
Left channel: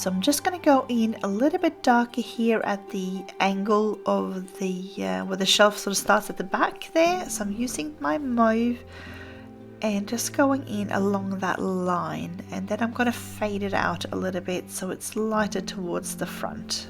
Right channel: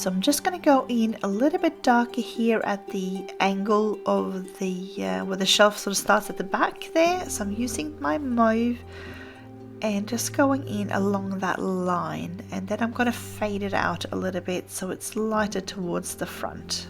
So I'm just going to go in a little bit darker here at the angle of the where the shelf sort of starts at the back there. So I'm using my mauve and just going in along that line, and then I'm going to fade it out a little bit so it's lighter towards the front.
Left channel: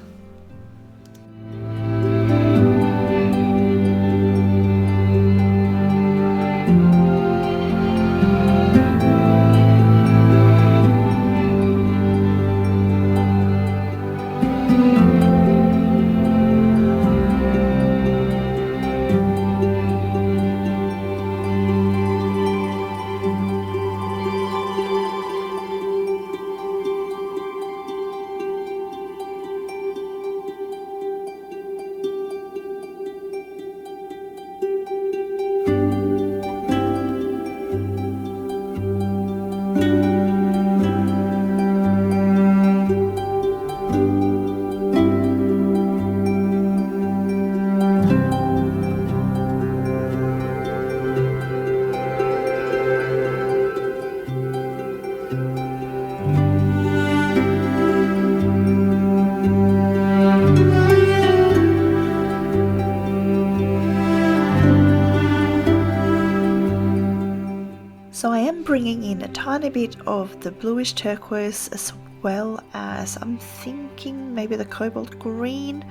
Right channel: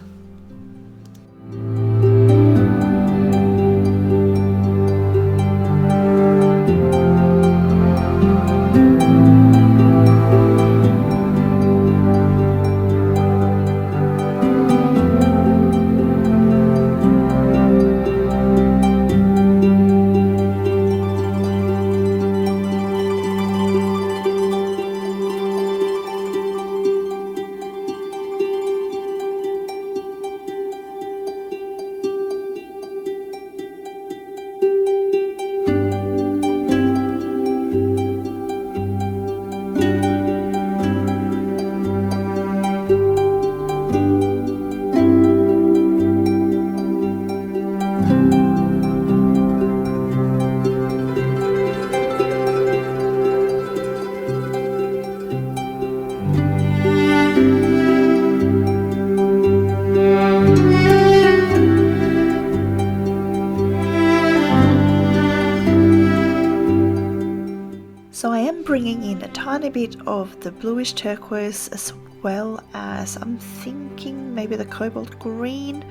So I am bringing in a tiny bit of the bluish turquoise, as well as I'm thinking maybe the cobalt green.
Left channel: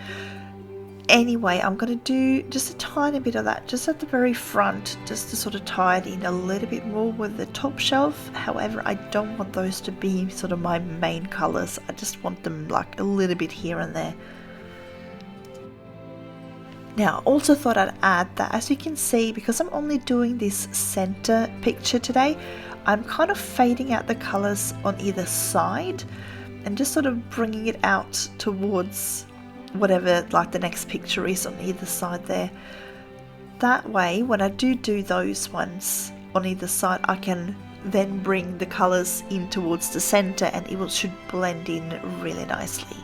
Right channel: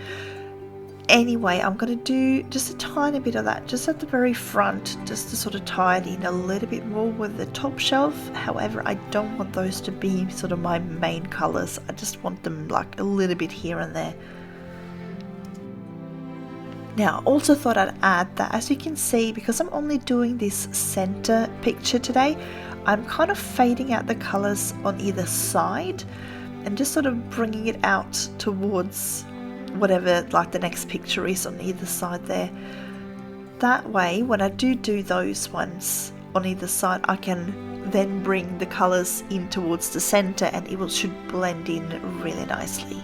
Anyway, I'm going to do just a tiny bit of that just at the very front, just to sort of tie it in a little bit more with the top shelf. However, I don't want those to be sort of my main colors. I just want them like a little bit here and there. Now, I also thought I'd add that, as you can see, because I'm only doing this center picture today, I'm kind of fading out the colors on either side and just sort of bringing it out towards whatever like the next picture is on either side there. That way, when I do those ones on either side, I can then bring the colors in towards the center and it should blend in really nicely.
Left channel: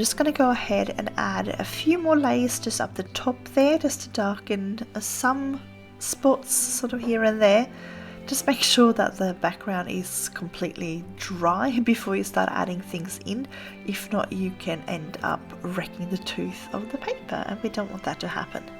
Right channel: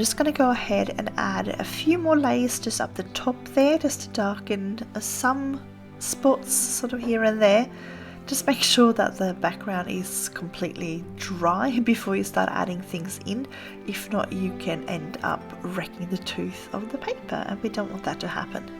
just going to go ahead and add a few more layers just up the top there, just to darken some spots sort of here and there. Just make sure that the background is completely dry before you start adding things in. If not, you can end up wrecking the tooth of the paper, and we don't want that to happen.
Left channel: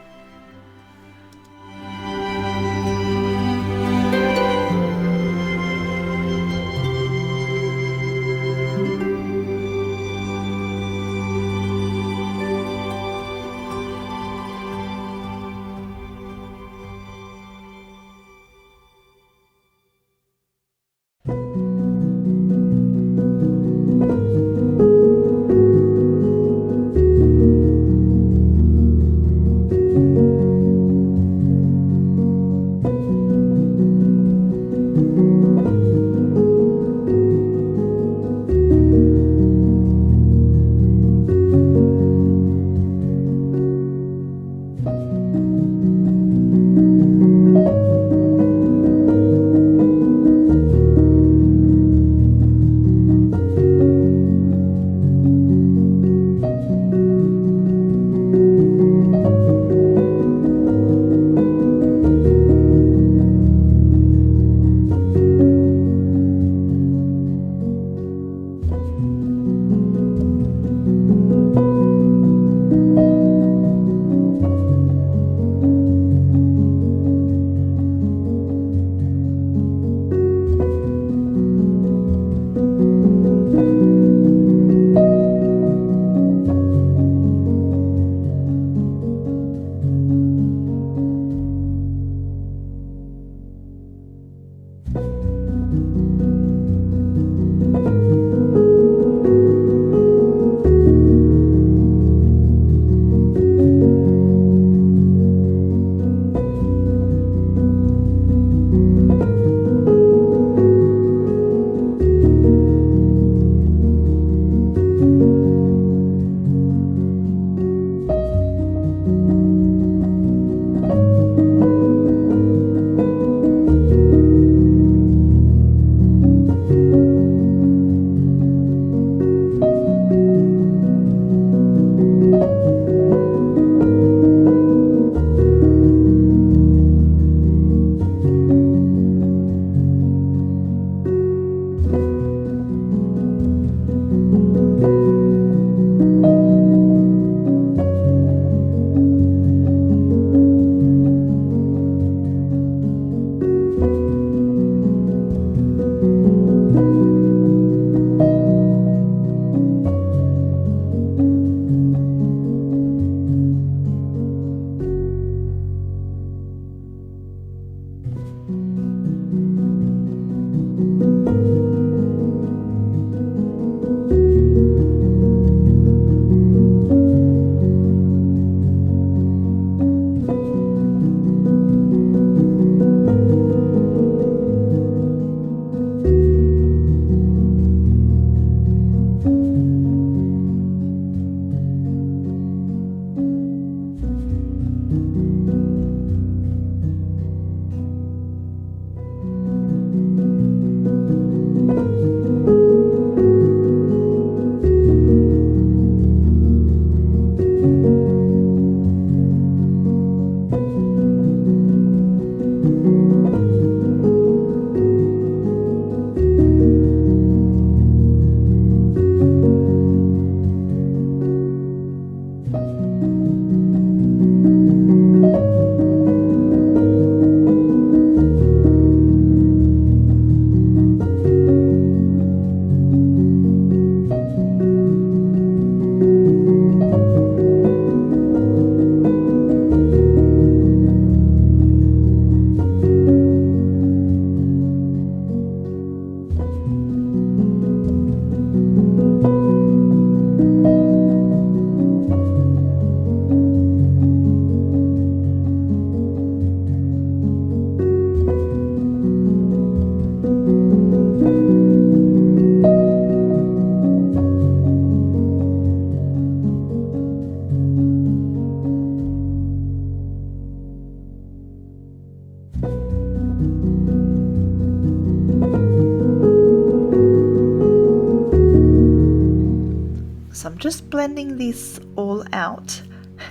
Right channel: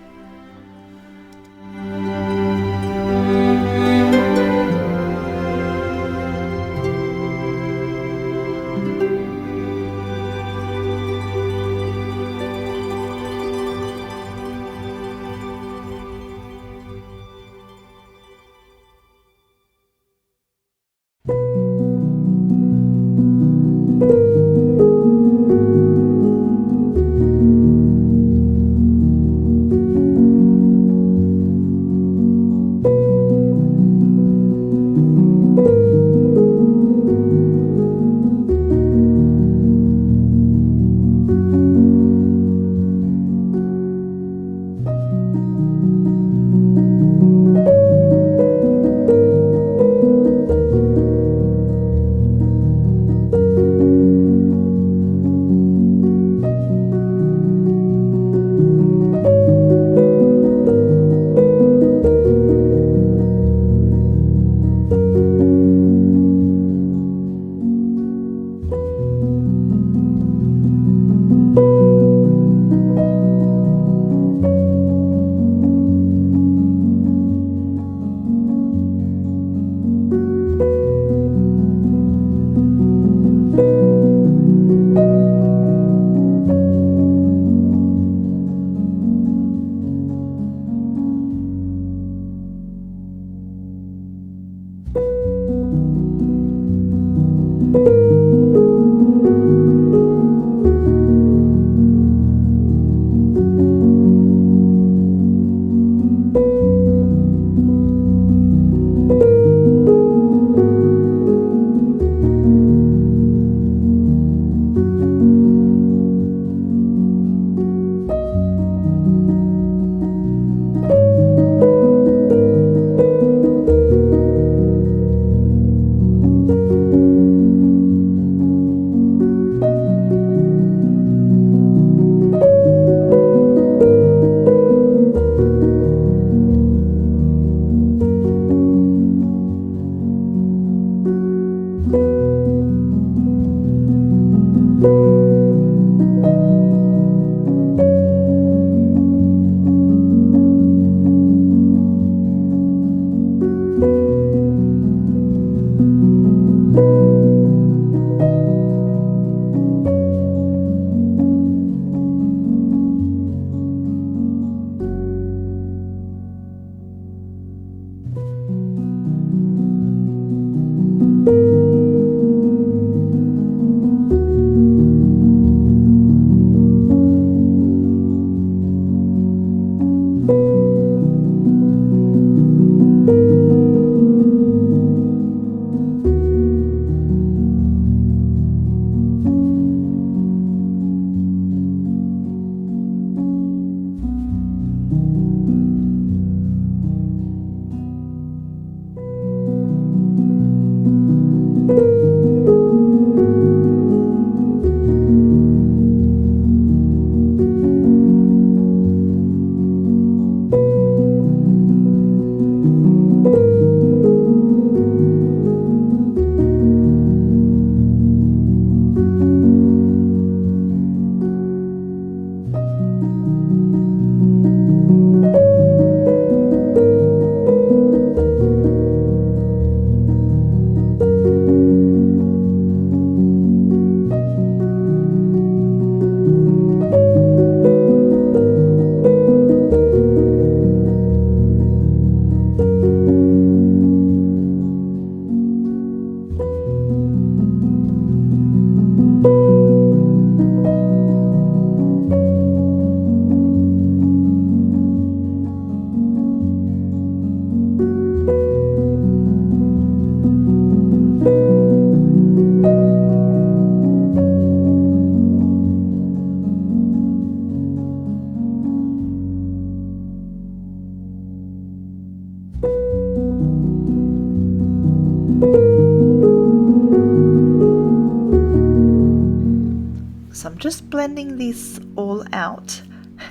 So I'm just blending this all out.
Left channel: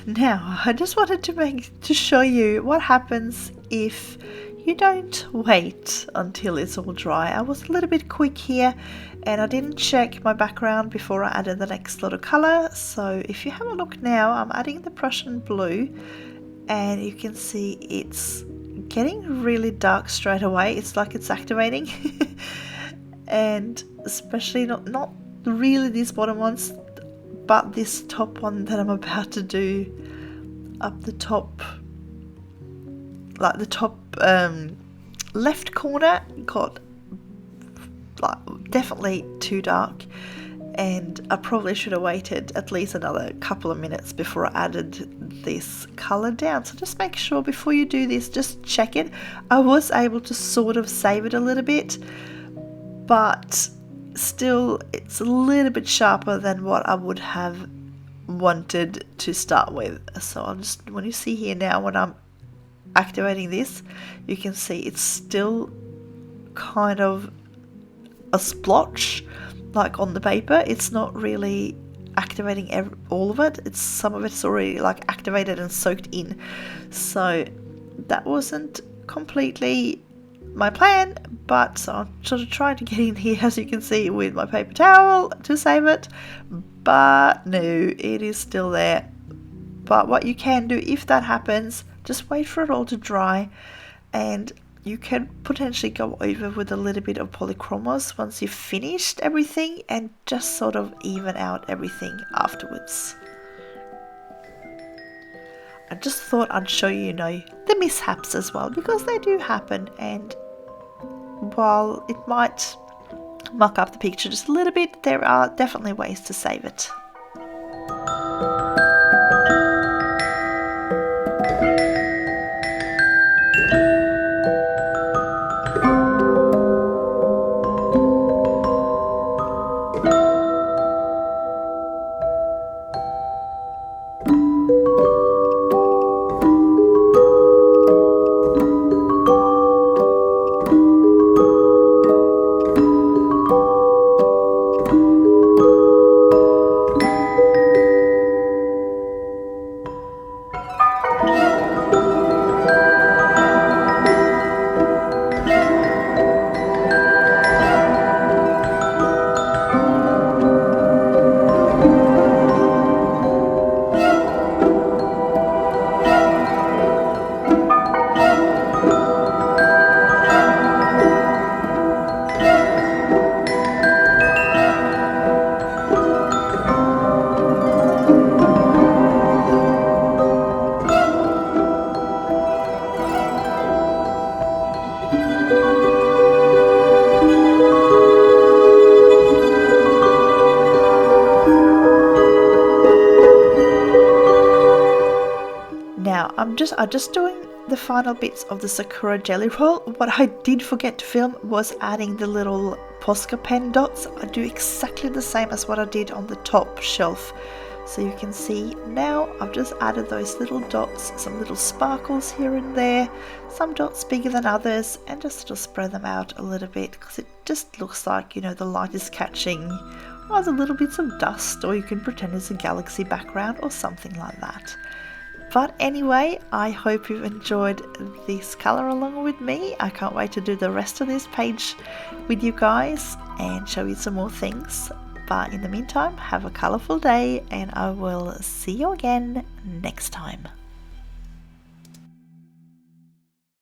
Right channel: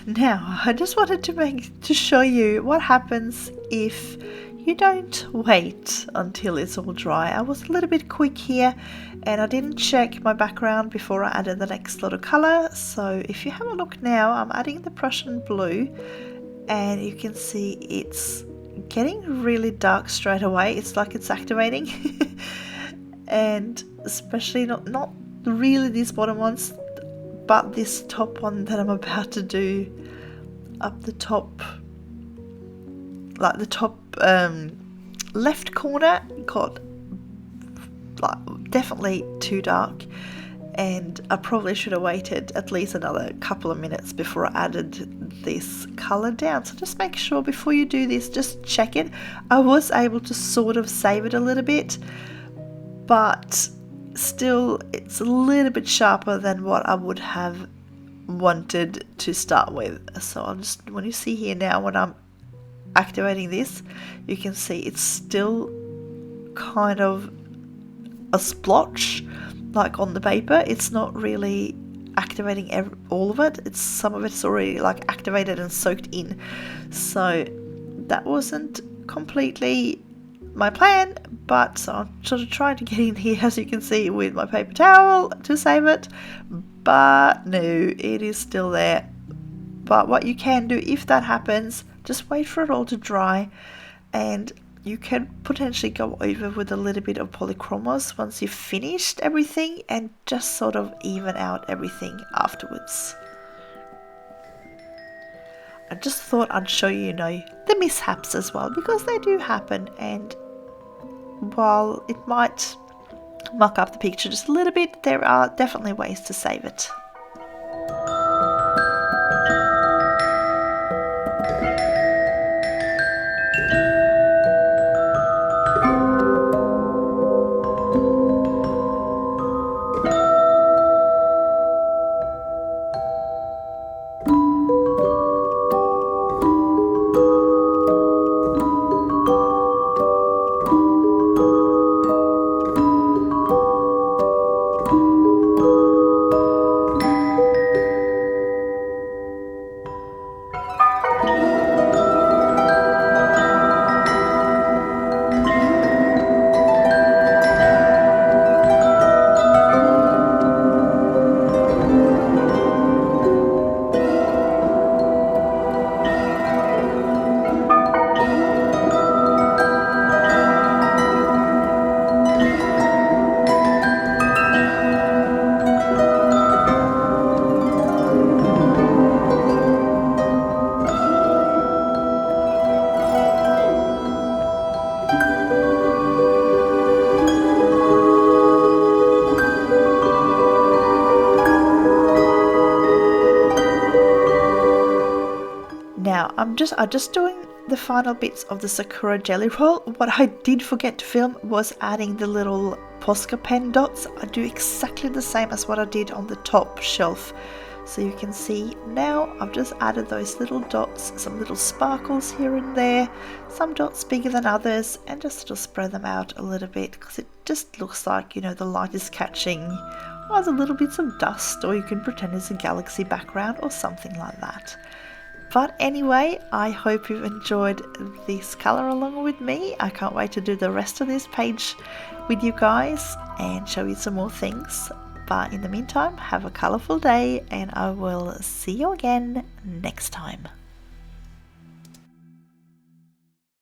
Now, I just wanted to show you what happens if you don't wait until it's all dry. I was a little bit quick here and I didn't check my background before I added the next lot of color. So if you have a look now, I'm adding the Prussian blue and you can see it's getting really dark straight away. It's like it's activating. And especially not really these bottom ones, but this top one that I'm about to do up the top, like the top left corner, got like definitely too dark, and I probably should have waited at least another couple of minutes before I added this color down. So just make sure before you do this, just check it. I was able to sort of save it a little bit, but still it's a little bit sharper than what I would have wanted to start with. So I'll just, when you see here now, when I'm activating this, you can see it's still kind of a splotch like on the paper. It's not really activating all of it. It's some of it's already like activated and soaked in. So that wasn't completely my plan, but so I'm sort of trying to get in here, as you can see, with my paper towel to save it, but no, it is still there. But what you can do if that happens, just wait for it all to dry, and you can potentially go over with a little bit of Polychromos once you've finished everything and just sort of even out everything afterwards. I just thought I'd show you, the mishaps as well, because they do happen, and while it might muck up the picture just a little bit, there are definitely ways to save it. Now I'm just doing the final bits of the Sakura jelly roll. What I did forget to film was adding the little Posca pen dots. I do exactly the same as what I did on the top shelf. So you can see now I've just added those little dots, some little sparkles here and there, some dots bigger than others, and just sort of spread them out a little bit because it just looks like, the light is catching either little bits of dust, or you can pretend it's a galaxy background or something like that. But anyway, I hope you've enjoyed this colour along with me. I can't wait to do the rest of this page with you guys and show you some more things. But in the meantime, have a colourful day, and I will see you again next time.